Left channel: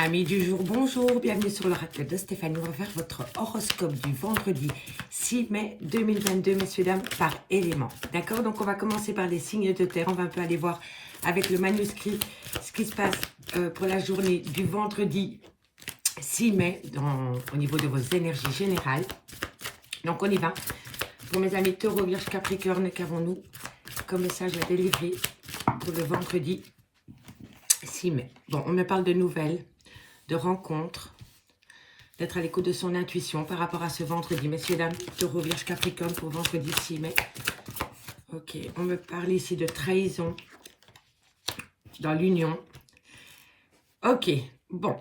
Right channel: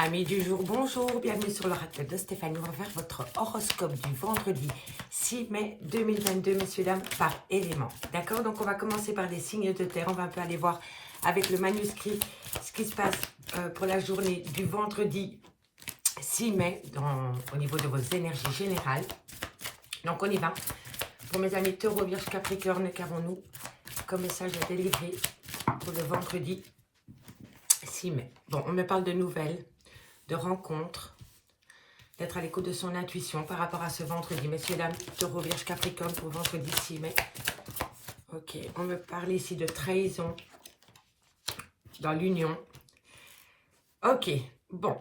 Amis du jour, bonjour, bienvenue sur l'oracle de Stéphanie. On va faire votre horoscope du vendredi 6 mai 2022, messieurs, dames, par élément. D'accord? Donc, on va commencer par les signes de terre. On va un peu aller voir avec le manuscrit ce qui se passe pour la journée du vendredi 6 mai au niveau de vos énergies générales. Donc, on y va. Pour mes amis Taureau, Vierge, Capricorne, qu'avons-nous comme message à délivrer pour le vendredi 6 mai? Bon, on me parle de nouvelles, de rencontres, d'être à l'écoute de son intuition par rapport à ce vendredi. Messieurs, dames, Taureau, Vierge, Capricorne pour vendredi 6 mai. Ok, on me parle ici de trahison dans l'union. Ok, bon.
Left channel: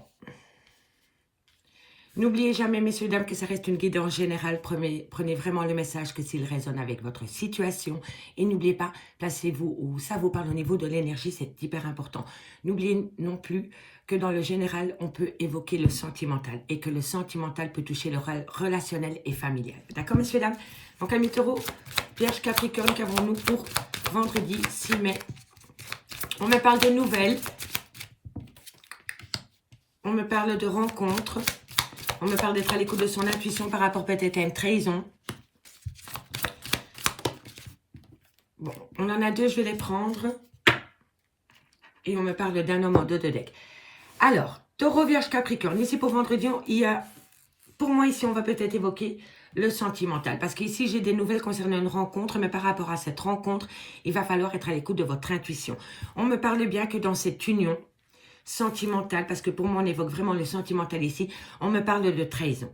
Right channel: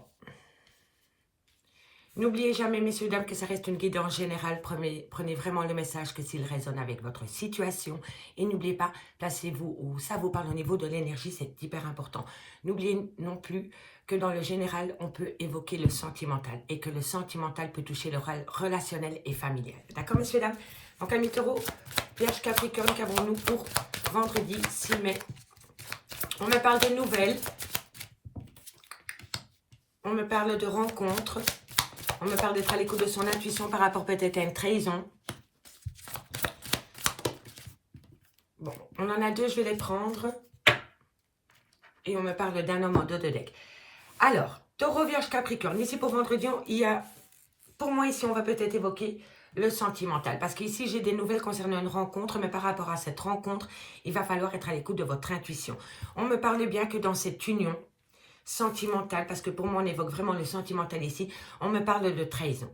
N'oubliez jamais, messieurs, dames, que ça reste une guidance générale. Prenez vraiment le message que s'il résonne avec votre situation. Et n'oubliez pas, placez-vous où ça vous parle au niveau de l'énergie, c'est hyper important. N'oubliez non plus que dans le général, on peut évoquer le sentimental. Et que le sentimental peut toucher le relationnel et familial. D'accord, messieurs, dames? Donc, amis Taureau, Vierge, Capricorne, qu'avons-nous pour vendredi 6 mai? On me parle de nouvelles. On me parle de rencontres. On me parle d'être à l'écoute de son intuition par rapport peut-être à une trahison. Bon, on en a deux, je vais les prendre. Et on me parle d'un homme en dos de deck. Alors, Taureau, Vierge, Capricorne. Ici pour vendredi, il y a, pour moi ici, on va peut-être évoquer le sentimental. Parce qu'ici, j'ai des nouvelles concernant une rencontre. Mais par rapport à cette rencontre, il va falloir être à l'écoute de votre intuition. On me parle bien que dans cette union sentimentale, parce que pour moi, on évoque vraiment le sentimental ici, on me parle de trahison.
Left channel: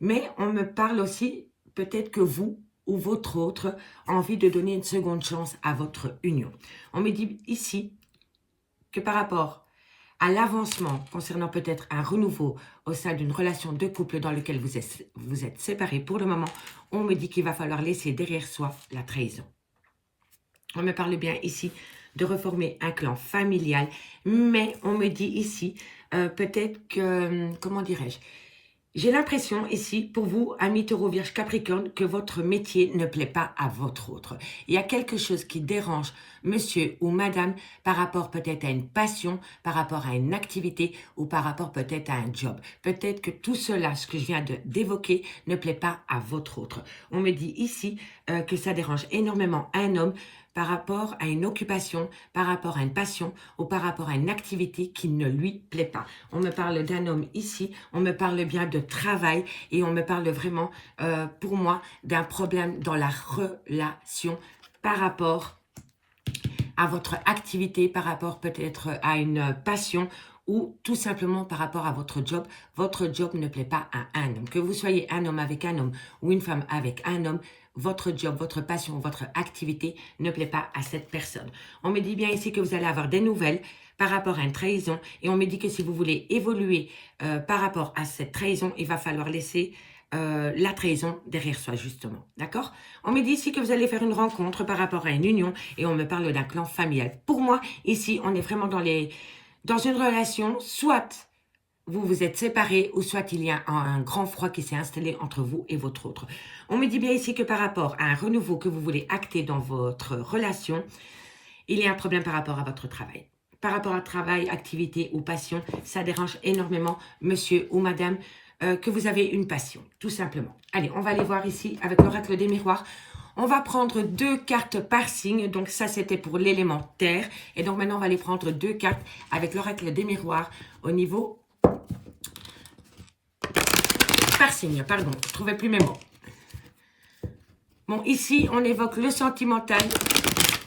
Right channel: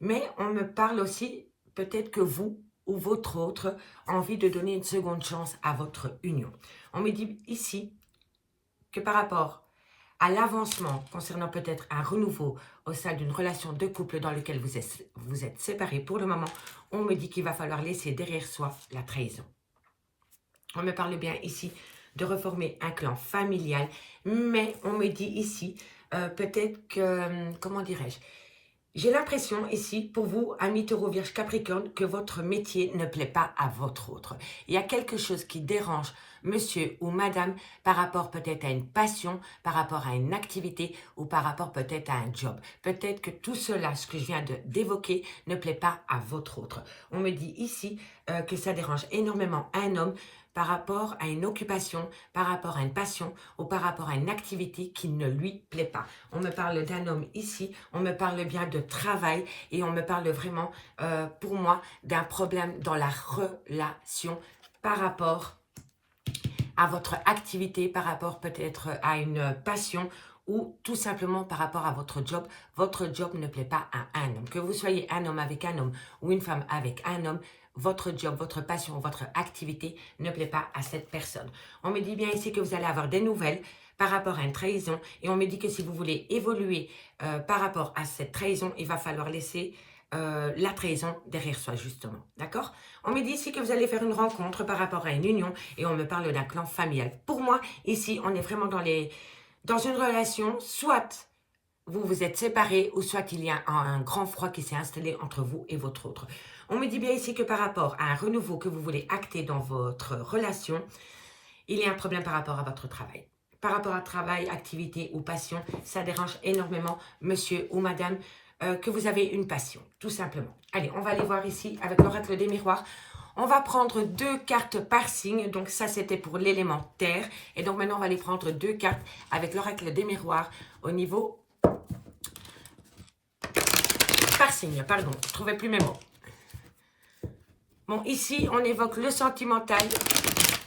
Mais on me parle aussi, peut-être que vous ou votre autre a envie de donner une seconde chance à votre union. On me dit ici que par rapport à l'avancement concernant peut-être un renouveau au sein d'une relation de couple dans laquelle vous êtes séparés pour le moment, on me dit qu'il va falloir laisser derrière soi la trahison. On me parle bien ici de reformer un clan familial, mais on me dit ici peut-être que, comment dirais-je, j'ai l'impression ici, pour vous, amis Taureau, Vierge, Capricorne, que votre métier ne plaît pas à votre autre. Il y a quelque chose qui dérange monsieur ou madame par rapport peut-être à une passion, par rapport à une activité ou par rapport peut-être à un job. Peut-être que tout cela, ce que je viens d'évoquer, ne plaît pas à votre autre. On me dit ici que ça dérange énormément un homme par rapport à une occupation, par rapport à une passion ou par rapport à une activité qui ne lui plaît pas. On me parle d'un homme ici, on me parle bien de travail et on me parle vraiment, pour moi, d'un problème dans la relation par rapport à votre activité, par rapport peut-être à une passion ou tout simplement par rapport à votre job. Votre job ne plaît pas à un homme. Que vous soyez un homme avec un homme ou une femme avec un homme, votre job, votre passion, votre activité ne plaît pas à cette personne. On me dit bien ici que vous allez avoir des nouvelles par rapport à une trahison. Et on me dit que si vous voulez évoluer par rapport à cette trahison, il va falloir laisser la trahison derrière soi, justement. D'accord? On me dit ici que vous allez faire une rencontre par rapport à une union et on me parle d'un clan familial. Pour moi, ici, on est vraiment dans une relation, soit vous vous êtes séparés ou soit il y a un grand froid qui s'est installé entre vous et votre autre. On me dit bien ici que par rapport à un renouveau que vous voulez acter dans votre relation, il y a un problème par rapport à votre travail. Par rapport à travail, activité ou passion, ça dérange énormément monsieur ou madame que vous avez une passion, tout simplement. Allez, on va aller voir ici avec l'oracle des miroirs. On va prendre 2 cartes par signe. Donc ça, c'était pour l'élément terre. Et donc maintenant, on va aller prendre 2 cartes avec l'oracle des miroirs au niveau par signe. Pardon, je ne trouvais plus mes mots. Bon, ici, on évoque le sentimental,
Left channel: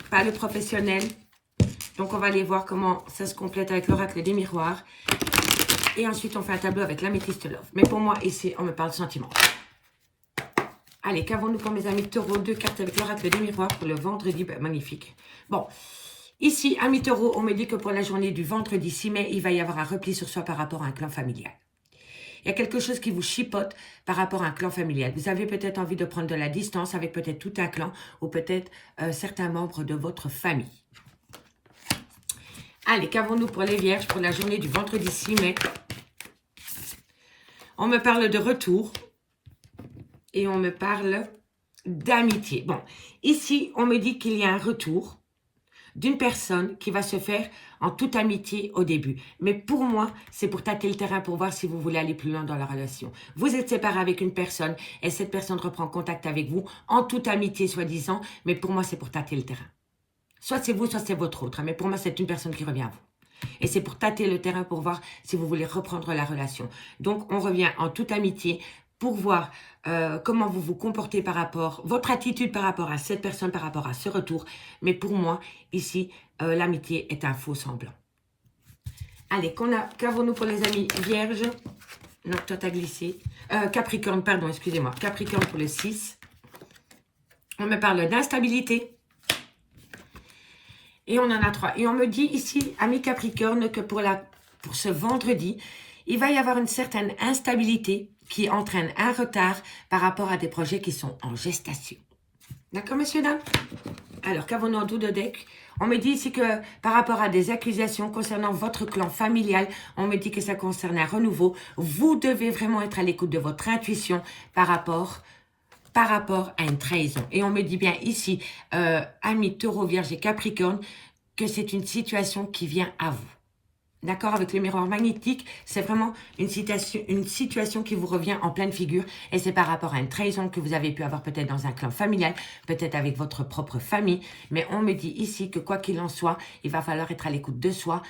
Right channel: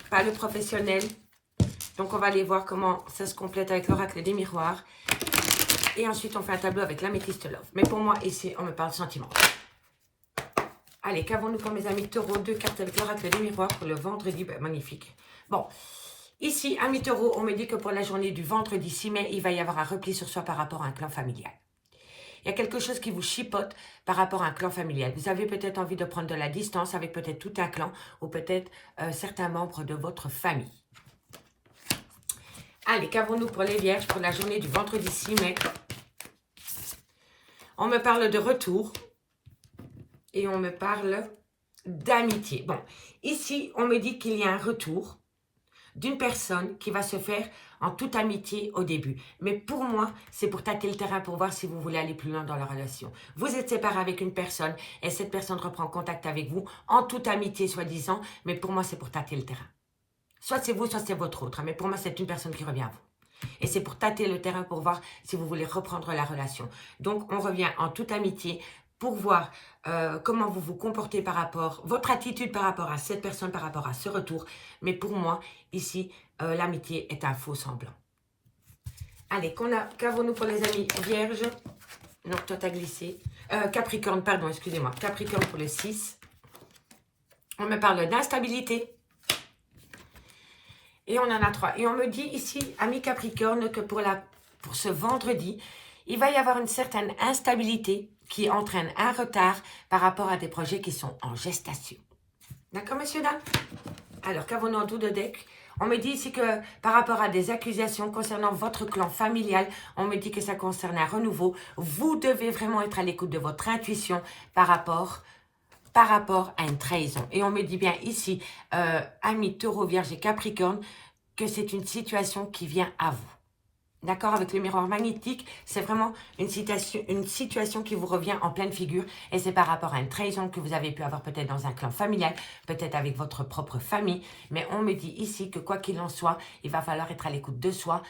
pas le professionnel. Donc, on va aller voir comment ça se complète avec l'oracle des miroirs. Et ensuite, on fait un tableau avec l'améthyste love. Mais pour moi, ici, on me parle sentiment. Allez, qu'avons-nous pour mes amis taureaux? 2 cartes avec l'oracle des miroirs pour le vendredi. Ben, magnifique. Bon, ici, amis taureaux, on me dit que pour la journée du vendredi 6 mai, il va y avoir un repli sur soi par rapport à un clan familial. Il y a quelque chose qui vous chipote par rapport à un clan familial. Vous avez peut-être envie de prendre de la distance avec peut-être tout un clan ou peut-être certains membres de votre famille. Allez, qu'avons-nous pour les vierges pour la journée du vendredi 6 mai? On me parle de retour et on me parle d'amitié. Bon, ici, on me dit qu'il y a un retour d'une personne qui va se faire en toute amitié au début. Mais pour moi, c'est pour tâter le terrain pour voir si vous voulez aller plus loin dans la relation. Vous êtes séparé avec une personne et cette personne reprend contact avec vous en toute amitié soi-disant, mais pour moi, c'est pour tâter le terrain. Soit c'est vous, soit c'est votre autre, mais pour moi, c'est une personne qui revient à vous. Et c'est pour tâter le terrain pour voir si vous voulez reprendre la relation. Donc, on revient en toute amitié pour voir comment vous vous comportez par rapport, votre attitude par rapport à cette personne, par rapport à ce retour. Mais pour moi, ici, l'amitié est un faux semblant. Allez, qu'avons-nous pour les amis vierges? Non, toi t'as glissé. Capricorne, pardon, excusez-moi. Capricorne pour le 6. On me parle d'instabilité. Et on en a 3. Et on me dit ici, ami Capricorne, que pour ce vendredi, il va y avoir une certaine instabilité qui entraîne un retard par rapport à des projets qui sont en gestation. D'accord, messieurs, dames? Alors, qu'avons-nous en dos de deck? On me dit ici que par rapport à des accusations concernant votre clan familial, on me dit que ça concerne un renouveau. Vous devez vraiment être à l'écoute de votre intuition par rapport à une trahison. Et on me dit bien ici, amis Taureau, Vierge et Capricorne, que c'est une situation qui vient à vous. D'accord, avec le miroir magnétique, c'est vraiment une situation qui vous revient en pleine figure. Et c'est par rapport à une trahison que vous avez pu avoir peut-être dans un clan familial, peut-être avec votre propre famille. Mais on me dit ici que quoi qu'il en soit, il va falloir être à l'écoute de soi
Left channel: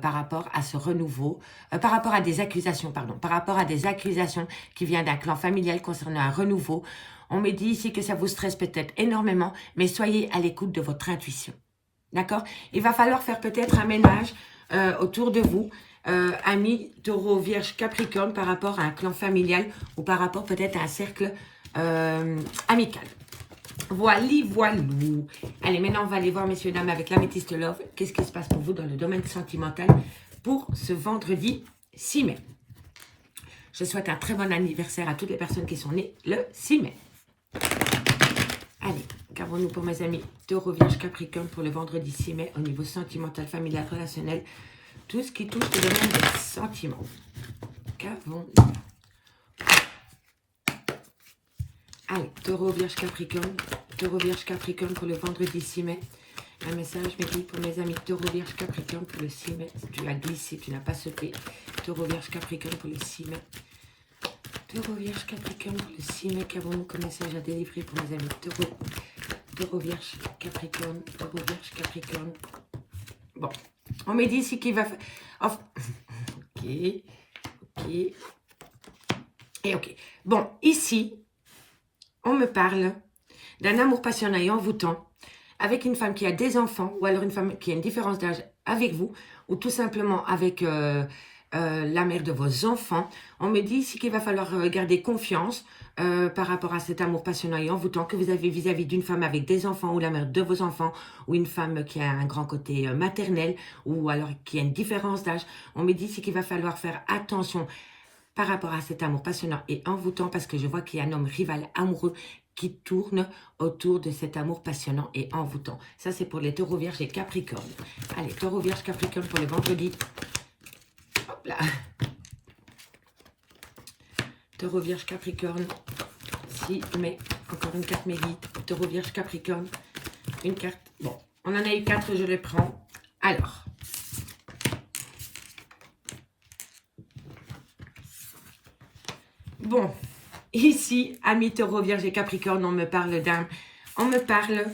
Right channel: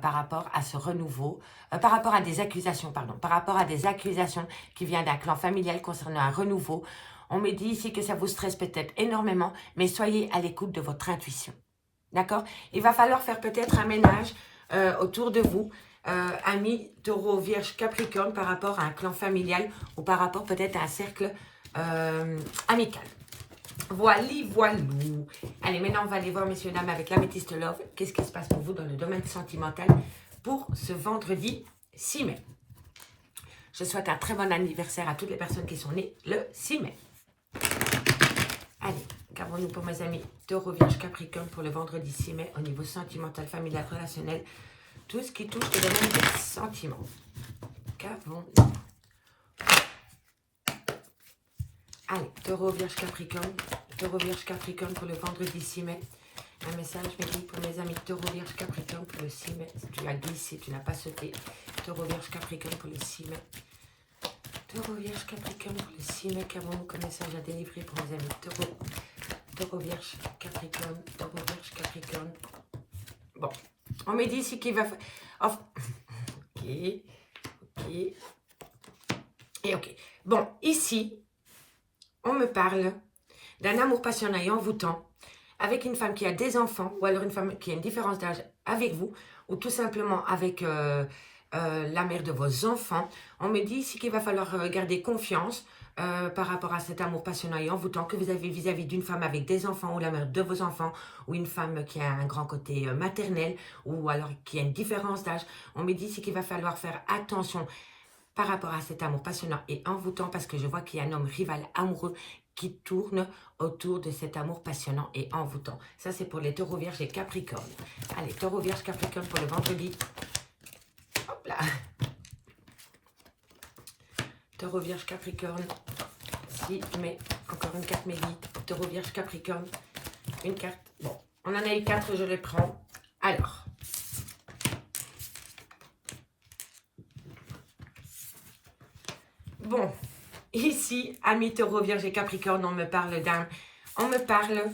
par rapport à ce renouveau, par rapport à des accusations, par rapport à des accusations qui viennent d'un clan familial concernant un renouveau. On me dit ici que ça vous stresse peut-être énormément, mais soyez à l'écoute de votre intuition. D'accord? Il va falloir faire peut-être un ménage autour de vous, amis Taureau, Vierge, Capricorne, par rapport à un clan familial ou par rapport peut-être à un cercle amical. Voilou. Allez, maintenant on va aller voir, messieurs, dames, avec l'améthyste Love. Qu'est-ce qui se passe pour vous dans le domaine sentimental pour ce vendredi 6 mai? Je souhaite un très bon anniversaire à toutes les personnes qui sont nées le 6 mai. Allez, qu'avons-nous pour mes amis Taureau, Vierge, Capricorne pour le vendredi 6 mai au niveau sentimental, familial, relationnel, tout ce qui touche le domaine des sentiments. Qu'avons-nous? Allez, Taureau, Vierge, Capricorne pour le vendredi 6 mai. Un message me dit pour mes amis Taureau, Vierge, Capricorne pour le 6 mai. Si tu l'as glissé, tu n'as pas sauté. Taureau, Vierge, Capricorne pour le 6 mai. Taureau, Vierge, Capricorne pour le 6 mai. Qu'avons-nous comme message à délivrer pour mes amis Taureau, Vierge, Capricorne, Taureau, Vierge, Capricorne. Bon, on me dit ici qu'il va... Oh. Ok. Et ok. Bon, ici, on me parle d'un amour passionnel et envoûtant avec une femme qui a des enfants ou alors une femme qui a une différence d'âge avec vous ou tout simplement avec la mère de vos enfants. On me dit ici qu'il va falloir garder confiance par rapport à cet amour passionnel et envoûtant que vous avez vis-à-vis d'une femme avec des enfants ou la mère de vos enfants ou une femme qui a un grand côté maternel ou alors qui a une différence d'âge. On me dit ici qu'il va falloir faire attention par rapport à cet amour passionnel et envoûtant parce que je vois qu'il y a un homme rival amoureux qui tourne autour de cet amour passionnant et envoûtant. Ça, c'est pour les Taureaux, Vierge et Capricorne. Allez, Taureau, Vierge, Capricorne pour le vendredi. Hop là. Taureau, Vierge, Capricorne. 6 mai. Encore une carte Mélie. Taureau, Vierge, Capricorne. Une carte. Bon, on en a eu 4, je les prends. Alors. Bon. Ici, amis Taureau, Vierge et Capricorne, on me parle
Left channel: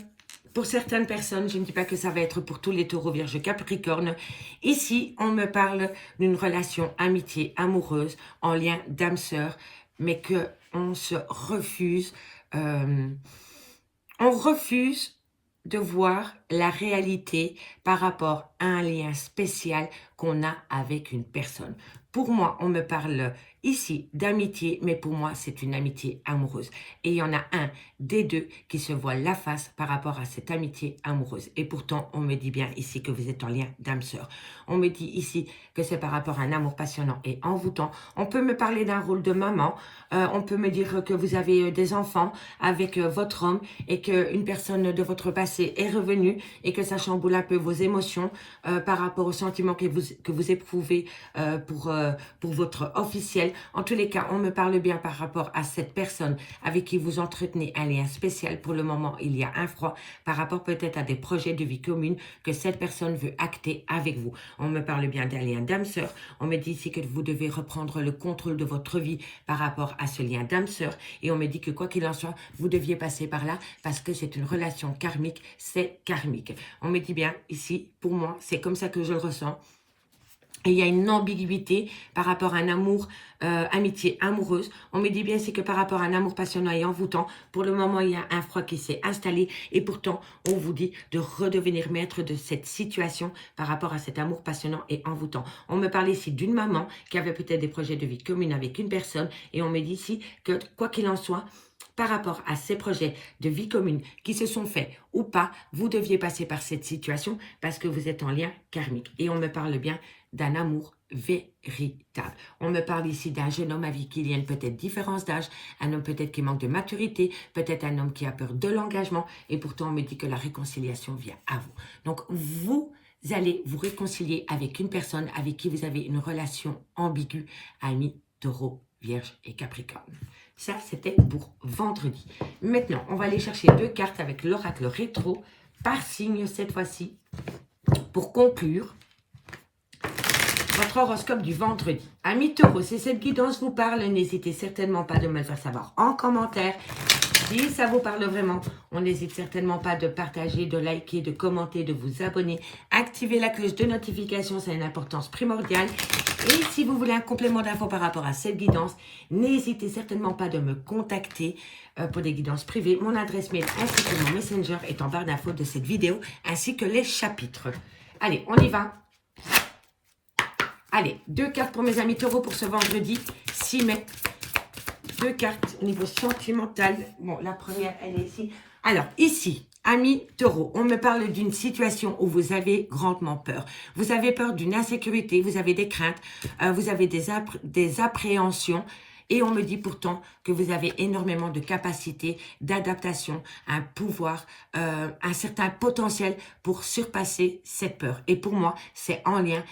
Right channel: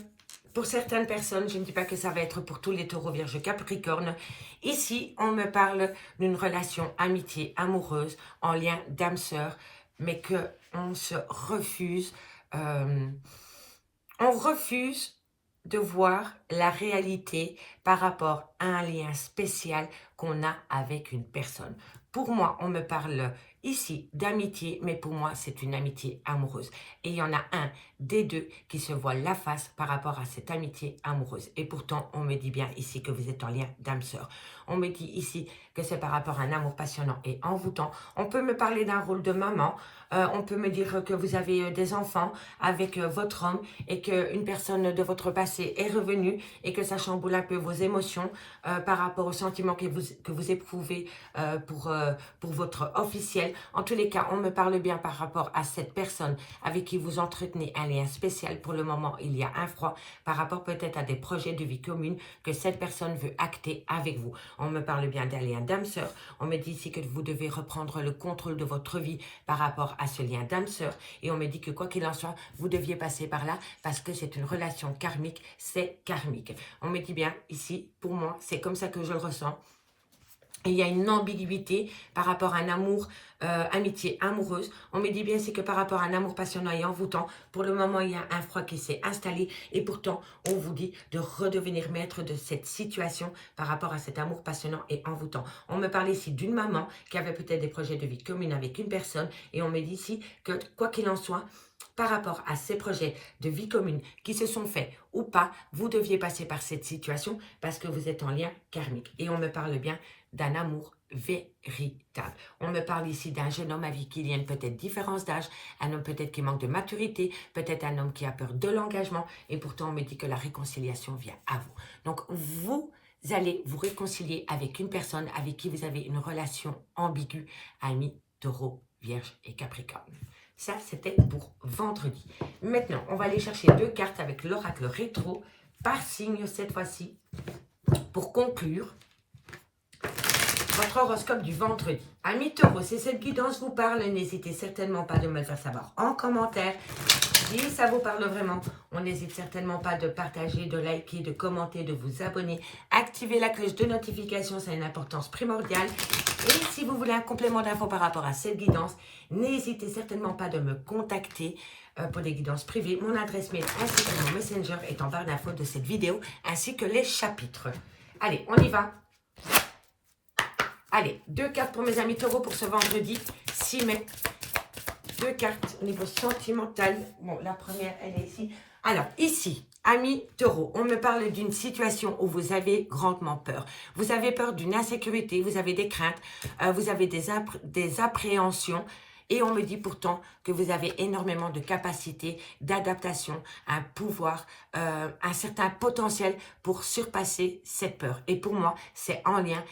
pour certaines personnes, je ne dis pas que ça va être pour tous les Taureaux, Vierge et Capricorne. Ici, on me parle d'une relation amitié, amoureuse, en lien d'âme-sœur, mais qu'on se refuse, on refuse de voir la réalité par rapport à un lien spécial qu'on a avec une personne. Pour moi, on me parle ici d'amitié, mais pour moi, c'est une amitié amoureuse. Et il y en a un des deux qui se voit la face par rapport à cette amitié amoureuse. Et pourtant, on me dit bien ici que vous êtes en lien d'âme-sœur. On me dit ici que c'est par rapport à un amour passionnant et envoûtant. On peut me parler d'un rôle de maman. On peut me dire que vous avez des enfants avec votre homme et qu'une personne de votre passé est revenue et que ça chamboule un peu vos émotions par rapport aux sentiments que vous que vous éprouvez pour votre officiel. En tous les cas, on me parle bien par rapport à cette personne avec qui vous entretenez un lien spécial. Pour le moment, il y a un froid par rapport peut-être à des projets de vie commune que cette personne veut acter avec vous. On me parle bien d'un lien d'âme-sœur. On me dit ici que vous devez reprendre le contrôle de votre vie par rapport à ce lien d'âme-sœur. Et on me dit que quoi qu'il en soit, vous deviez passer par là parce que c'est une relation karmique, c'est karmique. On me dit bien ici, pour moi, c'est comme ça que je le ressens. Et il y a une ambiguïté par rapport à un amour, amitié amoureuse. On me dit bien c'est que par rapport à un amour passionnant et envoûtant, pour le moment, il y a un froid qui s'est installé. Et pourtant, on vous dit de redevenir maître de cette situation par rapport à cet amour passionnant et envoûtant. On me parle ici d'une maman qui avait peut-être des projets de vie commune avec une personne. Et on me dit ici que quoi qu'il en soit, par rapport à ces projets de vie commune qui se sont faits ou pas, vous deviez passer par cette situation parce que vous êtes en lien karmique. Et on me parle bien d'un amour véritable. On me parle ici d'un jeune homme avec qui il y a une peut-être différence d'âge, un homme peut-être qui manque de maturité, peut-être un homme qui a peur de l'engagement et pourtant on me dit que la réconciliation vient à vous. Donc vous allez vous réconcilier avec une personne avec qui vous avez une relation ambiguë, Amis, Taureau, Vierge et Capricorne. Ça, c'était pour vendredi. Maintenant, on va aller chercher 2 cartes avec l'oracle rétro par signe cette fois-ci pour conclure votre horoscope du vendredi. Amis Taureau, si cette guidance vous parle, n'hésitez certainement pas de me le faire savoir en commentaire. Si ça vous parle vraiment, on n'hésite certainement pas de partager, de liker, de commenter, de vous abonner. Activez la cloche de notification, c'est une importance primordiale. Et si vous voulez un complément d'infos par rapport à cette guidance, n'hésitez certainement pas de me contacter pour des guidances privées. Mon adresse mail ainsi que mon messenger est en barre d'infos de cette vidéo, ainsi que les chapitres. Allez, on y va. Allez, 2 cartes pour mes amis taureaux pour ce vendredi 6 mai. 2 cartes au niveau sentimental. Bon, la première, elle est ici. Alors, ici, amis taureaux, on me parle d'une situation où vous avez grandement peur. Vous avez peur d'une insécurité, vous avez des craintes, vous avez des appréhensions. Et on me dit pourtant que vous avez énormément de capacités, d'adaptation, un pouvoir, un certain potentiel pour surpasser cette peur. Et pour moi, c'est en lien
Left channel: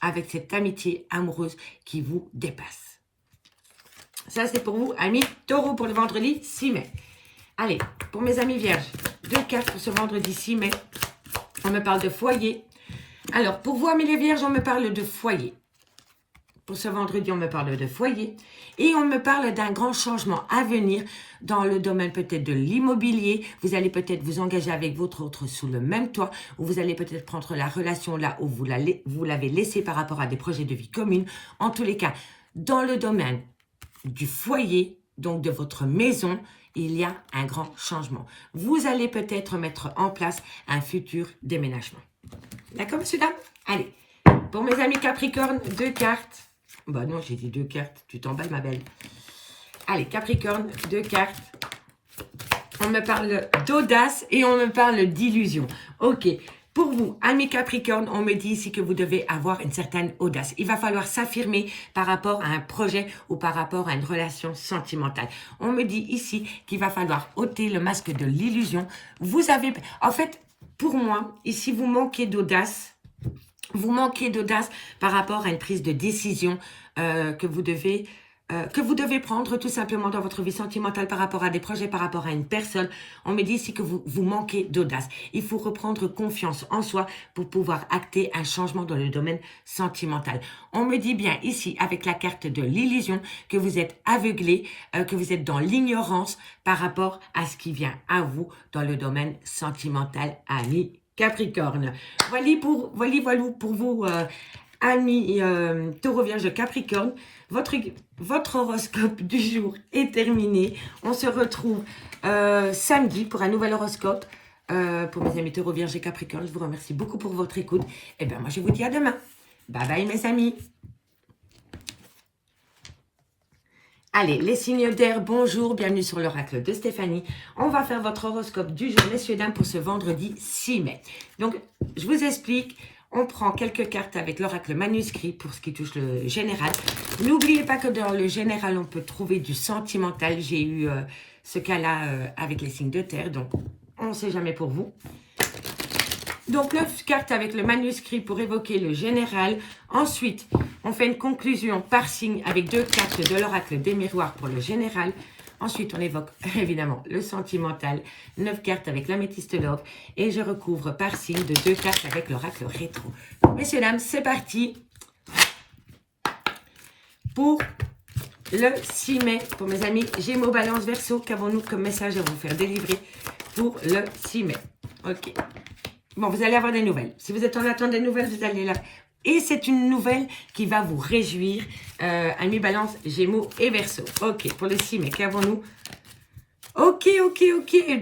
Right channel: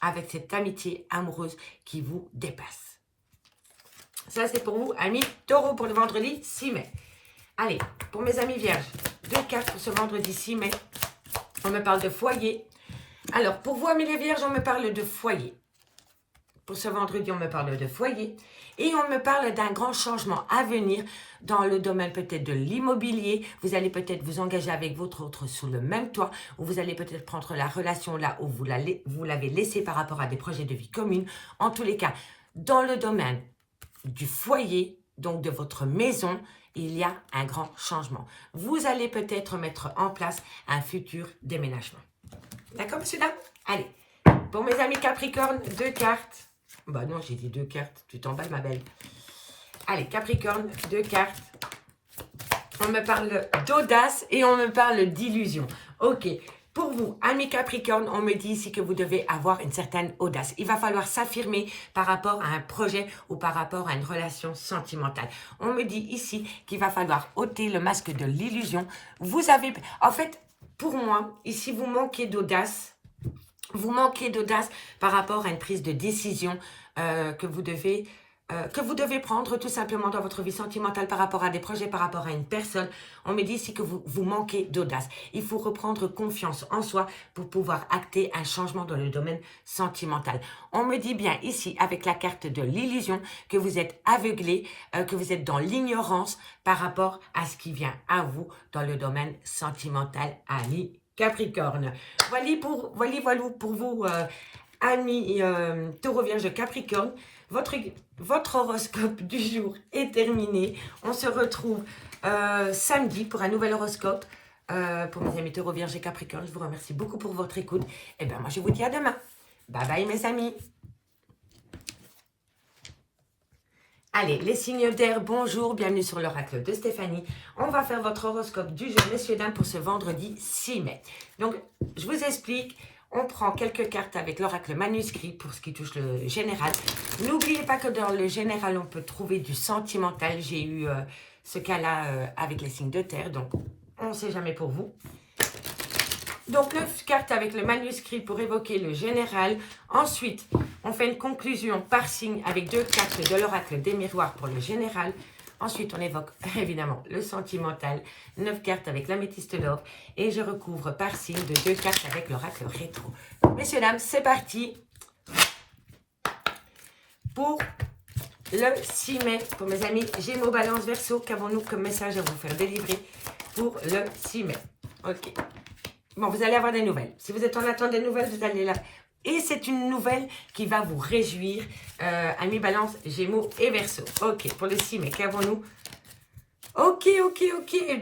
avec cette amitié amoureuse qui vous dépasse. Ça, c'est pour vous, amis taureaux, pour le vendredi 6 mai. Allez, pour mes amis vierges, 2 cartes pour ce vendredi 6 mai. On me parle de foyer. Alors, pour vous, amis les vierges, on me parle de foyer. Pour ce vendredi, on me parle de foyer. Et on me parle d'un grand changement à venir dans le domaine peut-être de l'immobilier. Vous allez peut-être vous engager avec votre autre sous le même toit. Ou vous allez peut-être prendre la relation là où vous l'avez laissée par rapport à des projets de vie commune. En tous les cas, dans le domaine du foyer, donc de votre maison, il y a un grand changement. Vous allez peut-être mettre en place un futur déménagement. D'accord, monsieur, dame? Allez, pour mes amis Capricorne, 2 cartes. Bah non, j'ai dit 2 cartes. Tu t'emballes, ma belle. Allez, Capricorne, 2 cartes. On me parle d'audace et on me parle d'illusion. Ok. Pour vous, amis Capricorne, on me dit ici que vous devez avoir une certaine audace. Il va falloir s'affirmer par rapport à un projet ou par rapport à une relation sentimentale. On me dit ici qu'il va falloir ôter le masque de l'illusion. Vous avez... En fait, pour moi, ici, vous manquez d'audace. Vous manquez d'audace par rapport à une prise de décision que vous devez prendre tout simplement dans votre vie sentimentale par rapport à des projets, par rapport à une personne. On me dit ici que vous manquez d'audace. Il faut reprendre confiance en soi pour pouvoir acter un changement dans le domaine sentimental. On me dit bien ici, avec la carte de l'illusion, que vous êtes aveuglé, que vous êtes dans l'ignorance par rapport à ce qui vient à vous dans le domaine sentimental, amis Capricorne. Voilà pour vous, amis Taureau, Vierge, Capricorne. Votre horoscope du jour est terminé. On se retrouve samedi pour un nouvel horoscope. Pour mes amis Taureau, Vierge et Capricorne, je vous remercie beaucoup pour votre écoute. Et bien, moi, je vous dis à demain. Bye bye, mes amis. Allez, les signes d'air, bonjour, bienvenue sur l'oracle de Stéphanie. On va faire votre horoscope du jour, messieurs, dames, pour ce vendredi 6 mai. Donc, je vous explique, on prend quelques cartes avec l'oracle manuscrit pour ce qui touche le général. N'oubliez pas que dans le général, on peut trouver du sentimental. J'ai eu ce cas-là avec les signes de terre, donc on ne sait jamais pour vous. Donc, 9 cartes avec le manuscrit pour évoquer le général. Ensuite, on fait une conclusion par signe avec 2 cartes de l'oracle des miroirs pour le général. Ensuite, on évoque évidemment le sentimental, 9 cartes avec l'améthyste love. Et je recouvre par signe de 2 cartes avec l'oracle rétro. Messieurs, dames, c'est parti pour le 6 mai. Pour mes amis Gémeaux, Balance, Verseau, qu'avons-nous comme message à vous faire délivrer pour le 6 mai? Ok. Bon, vous allez avoir des nouvelles. Si vous êtes en attente des nouvelles, vous allez là. Et c'est une nouvelle qui va vous réjouir. Amis Balance, Gémeaux et Verseau. Ok, pour le 6 mai, qu'avons-nous? Ok.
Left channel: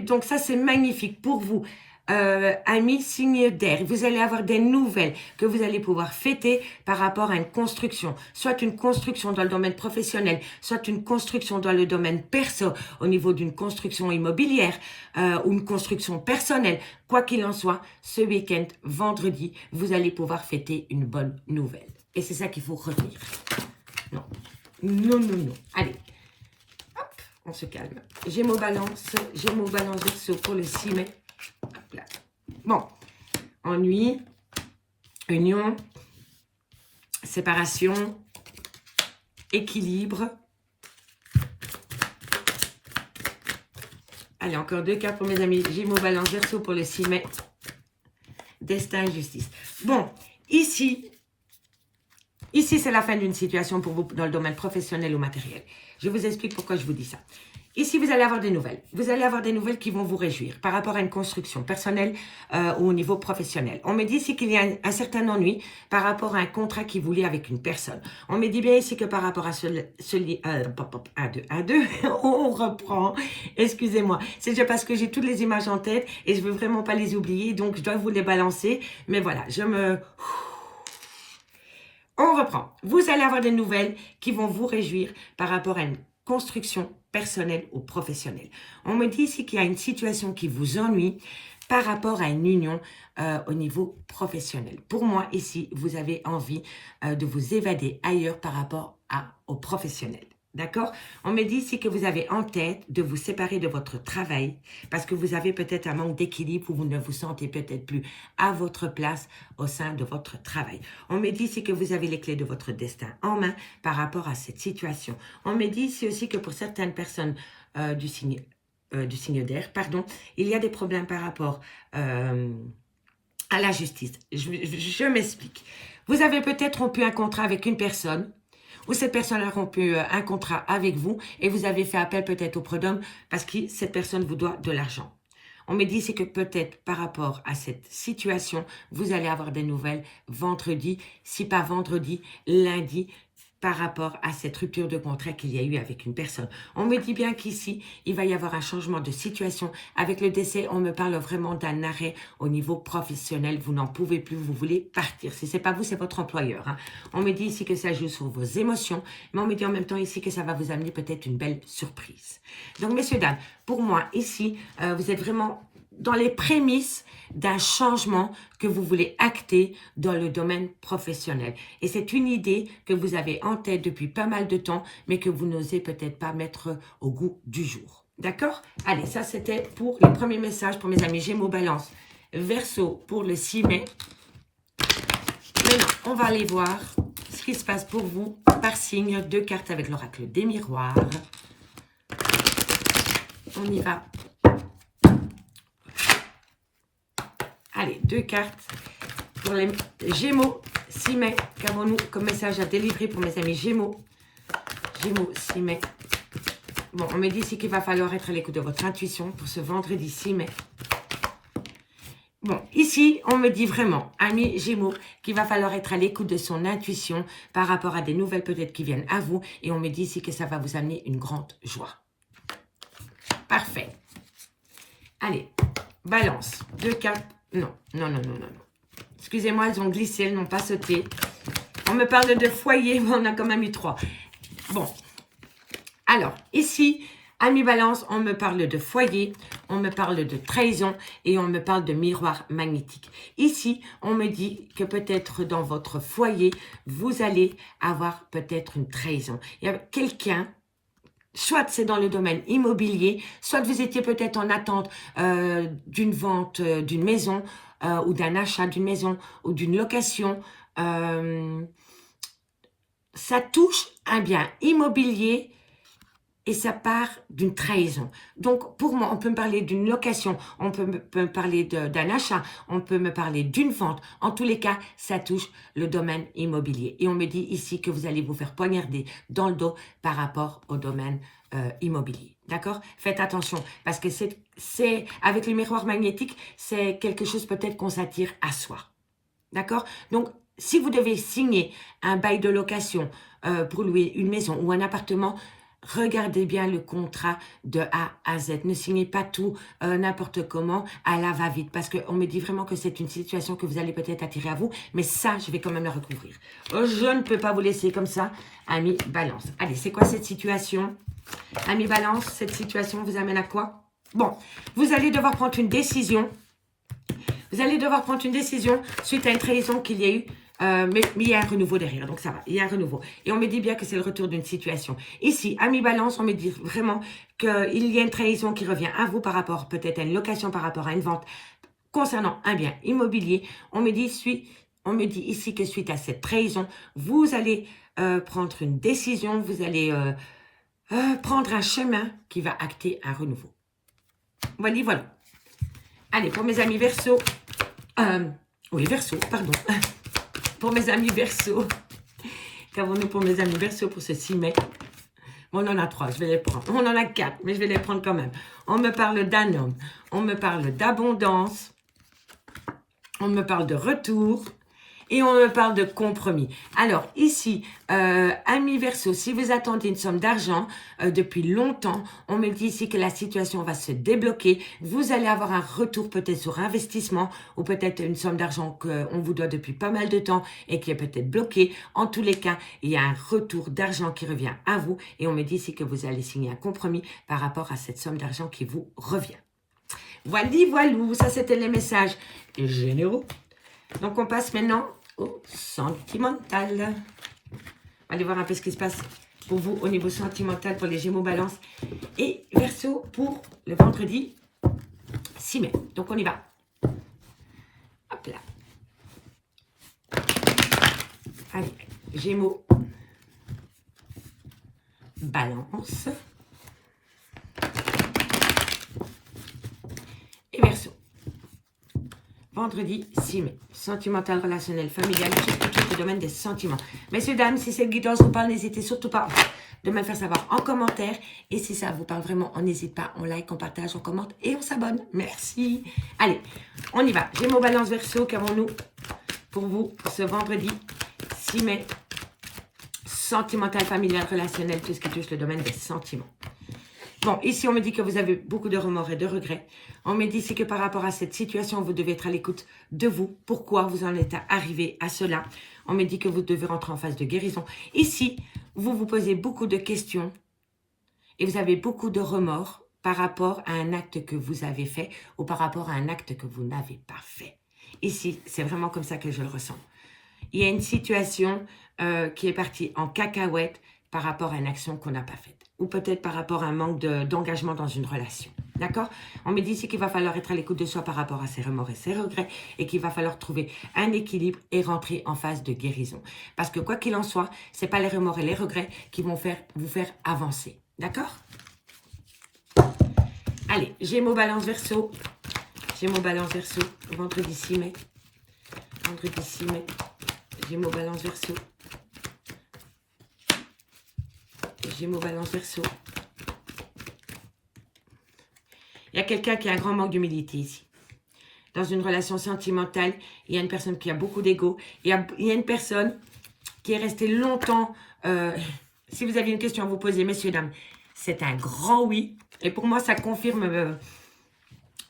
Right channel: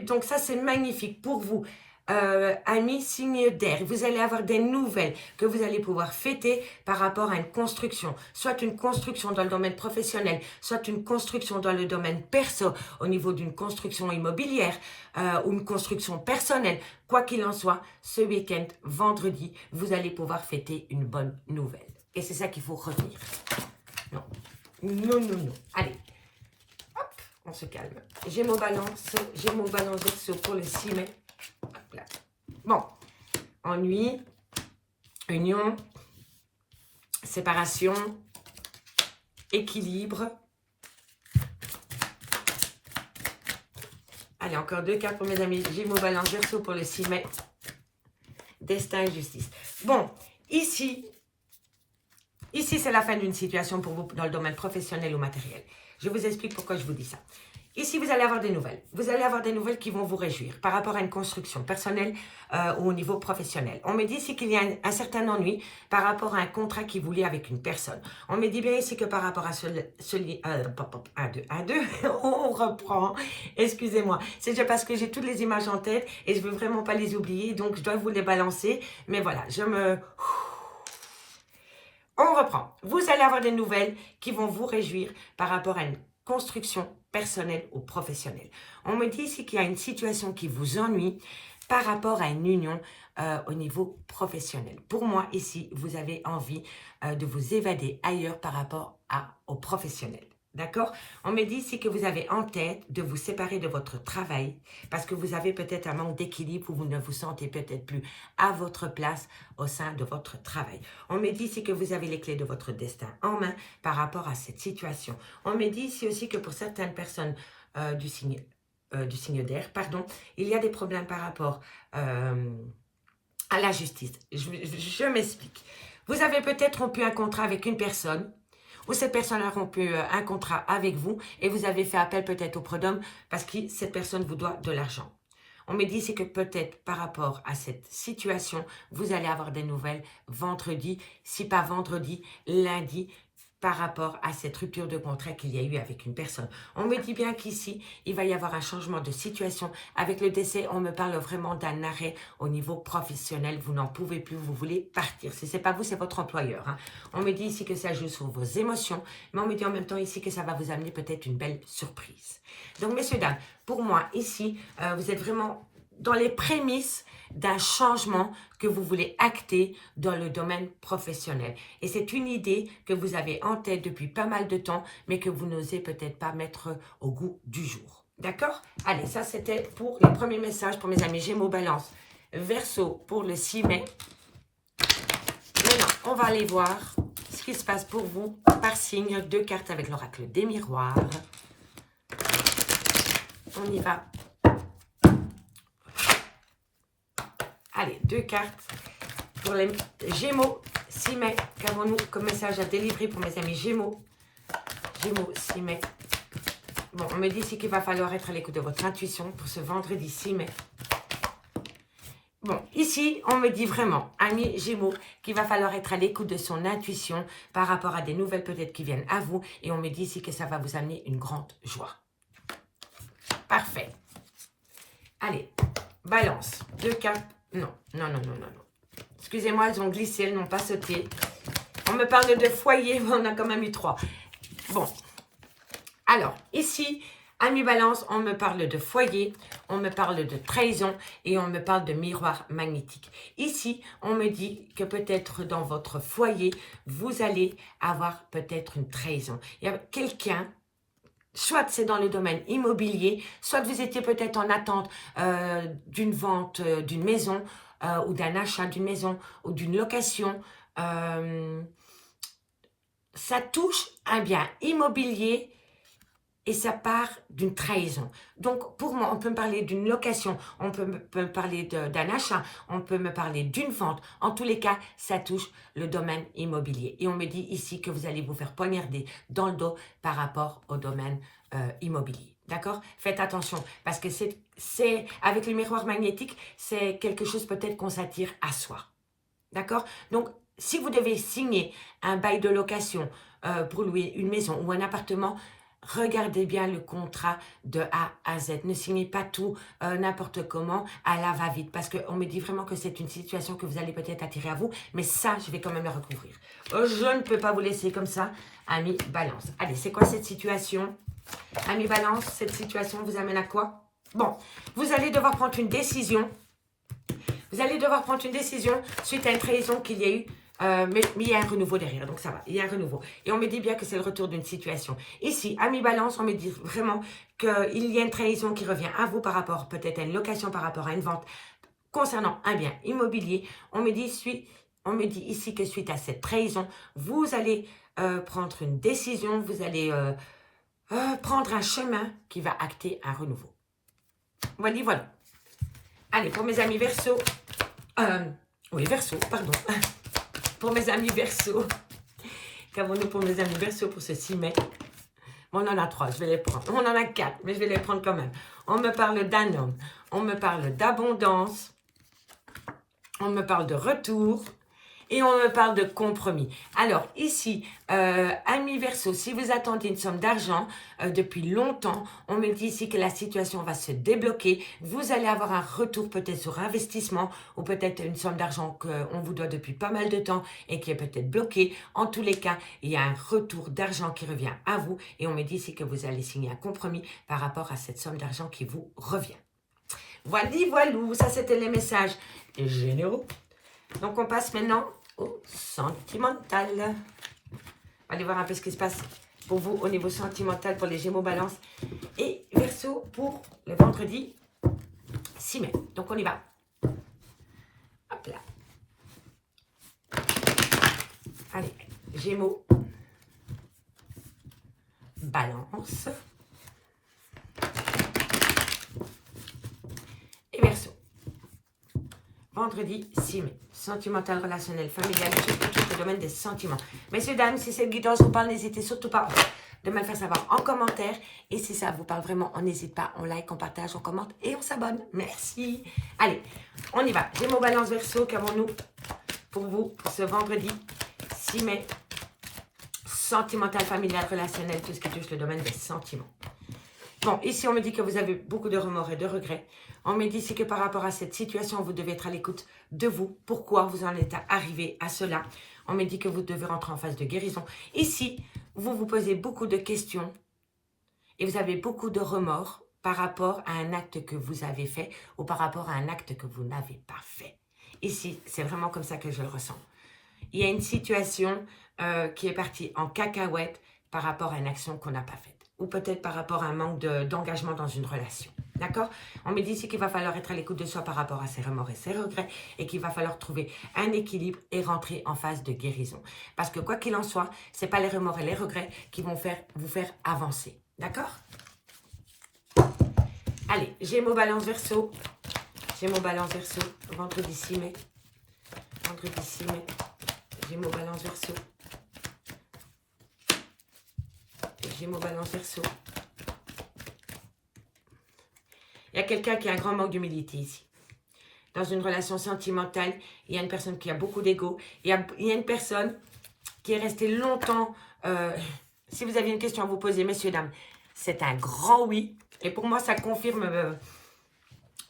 Donc ça, c'est magnifique pour vous. Amis signe d'air, vous allez avoir des nouvelles que vous allez pouvoir fêter par rapport à une construction, soit une construction dans le domaine professionnel, soit une construction dans le domaine perso, au niveau d'une construction immobilière ou une construction personnelle. Quoi qu'il en soit, ce week-end, vendredi, vous allez pouvoir fêter une bonne nouvelle. Et c'est ça qu'il faut retenir. Non. Allez, hop, on se calme. Gémeaux, Balance, Verseau pour le 6 mai. Bon, ennui, union, séparation, équilibre. Allez, encore 2 cartes pour mes amis Gémeaux, Balance, Verseau pour le 6 mai. Destin et justice. Bon, ici c'est la fin d'une situation pour vous dans le domaine professionnel ou matériel. Je vous explique pourquoi je vous dis ça. Ici, vous allez avoir des nouvelles. Vous allez avoir des nouvelles qui vont vous réjouir par rapport à une construction personnelle ou au niveau professionnel. On me dit ici qu'il y a un certain ennui par rapport à un contrat qui vous lie avec une personne. On me dit bien ici que par rapport à on reprend. Excusez-moi. C'est déjà parce que j'ai toutes les images en tête et je ne veux vraiment pas les oublier. Donc, je dois vous les balancer. Mais voilà, on reprend. Vous allez avoir des nouvelles qui vont vous réjouir par rapport à une construction personnelle ou professionnelle. On me dit ici qu'il y a une situation qui vous ennuie par rapport à une union au niveau professionnel. Pour moi, ici, vous avez envie de vous évader ailleurs par rapport au professionnel. D'accord? On me dit ici que vous avez en tête de vous séparer de votre travail parce que vous avez peut-être un manque d'équilibre ou vous ne vous sentez peut-être plus à votre place au sein de votre travail. On me dit ici que vous avez les clés de votre destin en main par rapport à cette situation. On me dit ici aussi que pour certaines personnes du signe d'air, il y a des problèmes par rapport à la justice. Je m'explique. Vous avez peut-être rompu un contrat avec une personne ou cette personne a rompu un contrat avec vous et vous avez fait appel peut-être au prud'homme parce que cette personne vous doit de l'argent. On me dit c'est que peut-être par rapport à cette situation, vous allez avoir des nouvelles vendredi, si pas vendredi, lundi, par rapport à cette rupture de contrat qu'il y a eu avec une personne. On me dit bien qu'ici, il va y avoir un changement de situation. Avec le décès, on me parle vraiment d'un arrêt au niveau professionnel. Vous n'en pouvez plus, vous voulez partir. Si ce n'est pas vous, c'est votre employeur. Hein. On me dit ici que ça joue sur vos émotions, mais on me dit en même temps ici que ça va vous amener peut-être une belle surprise. Donc, messieurs, dames, pour moi, ici, vous êtes vraiment dans les prémices d'un changement que vous voulez acter dans le domaine professionnel. Et c'est une idée que vous avez en tête depuis pas mal de temps, mais que vous n'osez peut-être pas mettre au goût du jour. D'accord? Allez, ça c'était pour les premiers messages pour mes amis Gémeaux, Balance, Verseau pour le 6 mai. Maintenant, on va aller voir ce qui se passe pour vous par signe. 2 cartes avec l'oracle des miroirs. On y va. Allez, 2 cartes pour les Gémeaux, 6 mai. Qu'avons-nous comme message à délivrer pour mes amis Gémeaux? Gémeaux, 6 mai. Bon, on me dit ici qu'il va falloir être à l'écoute de votre intuition pour ce vendredi 6 mai. Bon, ici, on me dit vraiment, amis Gémeaux, qu'il va falloir être à l'écoute de son intuition par rapport à des nouvelles peut-être qui viennent à vous. Et on me dit ici que ça va vous amener une grande joie. Parfait. Allez, Balance, 2 cartes. Non. Excusez-moi, elles ont glissé, elles n'ont pas sauté. On me parle de foyer, mais on a quand même eu 3. Bon. Alors, ici, amis Balance, on me parle de foyer, on me parle de trahison et on me parle de miroir magnétique. Ici, on me dit que peut-être dans votre foyer, vous allez avoir peut-être une trahison. Il y a quelqu'un... Soit c'est dans le domaine immobilier, soit vous étiez peut-être en attente d'une vente d'une maison ou d'un achat d'une maison ou d'une location. Ça touche un bien immobilier et ça part d'une trahison. Donc, pour moi, on peut me parler d'une location, on peut me parler d'un achat, on peut me parler d'une vente. En tous les cas, ça touche le domaine immobilier. Et on me dit ici que vous allez vous faire poignarder dans le dos par rapport au domaine immobilier. D'accord? Faites attention, parce que c'est avec le miroir magnétique, c'est quelque chose peut-être qu'on s'attire à soi. D'accord? Donc, si vous devez signer un bail de location pour louer une maison ou un appartement, regardez bien le contrat de A à Z. Ne signez pas tout n'importe comment à la va-vite, parce qu'on me dit vraiment que c'est une situation que vous allez peut-être attirer à vous, mais ça, je vais quand même le recouvrir. Je ne peux pas vous laisser comme ça, Amis Balance. Allez, c'est quoi cette situation? Amis Balance, cette situation vous amène à quoi? Bon, vous allez devoir prendre une décision. Vous allez devoir prendre une décision suite à une trahison qu'il y a eu. Mais il y a un renouveau derrière, donc ça va, il y a un renouveau. Et on me dit bien que c'est le retour d'une situation. Ici, Amis Balance, on me dit vraiment qu'il y a une trahison qui revient à vous par rapport peut-être à une location, par rapport à une vente concernant un bien immobilier. On me dit ici que suite à cette trahison, vous allez prendre une décision, vous allez prendre un chemin qui va acter un renouveau. Voilà, voilà. Allez, pour mes amis Verseau, oui, Verseau, pardon. Pour mes amis Verseau, qu'avons-nous pour mes amis Verseau pour ce 6 mai? On en a 3, je vais les prendre. On en a 4, mais je vais les prendre quand même. On me parle d'un homme, on me parle d'abondance, on me parle de retour et on me parle de compromis. Alors ici, amis Verseau, si vous attendiez une somme d'argent depuis longtemps, on me dit ici que la situation va se débloquer. Vous allez avoir un retour peut-être sur investissement ou peut-être une somme d'argent qu'on vous doit depuis pas mal de temps et qui est peut-être bloquée. En tous les cas, il y a un retour d'argent qui revient à vous et on me dit ici que vous allez signer un compromis par rapport à cette somme d'argent qui vous revient. Voilà, voilou, ça c'était les messages généraux. Donc on passe maintenant au sentimental. On va aller voir un peu ce qui se passe pour vous au niveau sentimental pour les Gémeaux, Balance et Verseau pour le vendredi 6 mai. Donc on y va. Hop là. Allez, Gémeaux, Balance et Verseau. Vendredi 6 mai. Sentimental, relationnel, familial, tout le domaine des sentiments. Messieurs, dames, si cette guidance vous parle, n'hésitez surtout pas de me le faire savoir en commentaire. Et si ça vous parle vraiment, on n'hésite pas, on like, on partage, on commente et on s'abonne. Merci. Allez, on y va. Gémeaux, Balance, Verseau, qu'avons-nous pour vous pour ce vendredi 6 mai? Sentimental, familial, relationnel, tout ce qui touche le domaine des sentiments. Bon, ici, on me dit que vous avez beaucoup de remords et de regrets. On me dit ici que par rapport à cette situation, vous devez être à l'écoute de vous. Pourquoi vous en êtes arrivé à cela? On me dit que vous devez rentrer en phase de guérison. Ici, vous vous posez beaucoup de questions et vous avez beaucoup de remords par rapport à un acte que vous avez fait ou par rapport à un acte que vous n'avez pas fait. Ici, c'est vraiment comme ça que je le ressens. Il y a une situation qui est partie en cacahuète par rapport à une action qu'on n'a pas faite. Ou peut-être par rapport à un manque d'engagement dans une relation. D'accord? On me dit ici qu'il va falloir être à l'écoute de soi par rapport à ses remords et ses regrets et qu'il va falloir trouver un équilibre et rentrer en phase de guérison. Parce que quoi qu'il en soit, ce n'est pas les remords et les regrets qui vont vous faire avancer. D'accord? Allez, Gémeaux, Balance, Verseau. Gémeaux, Balance, Verseau. Vendredi 6 mai. Vendredi 6 mai. Gémeaux, Balance, Verseau. Gémeaux, Balance, Verseau. Il y a quelqu'un qui a un grand manque d'humilité ici. Dans une relation sentimentale, il y a une personne qui a beaucoup d'ego. Il y a une personne qui est restée longtemps. Si vous avez une question à vous poser, messieurs, dames, c'est un grand oui. Et pour moi, ça confirme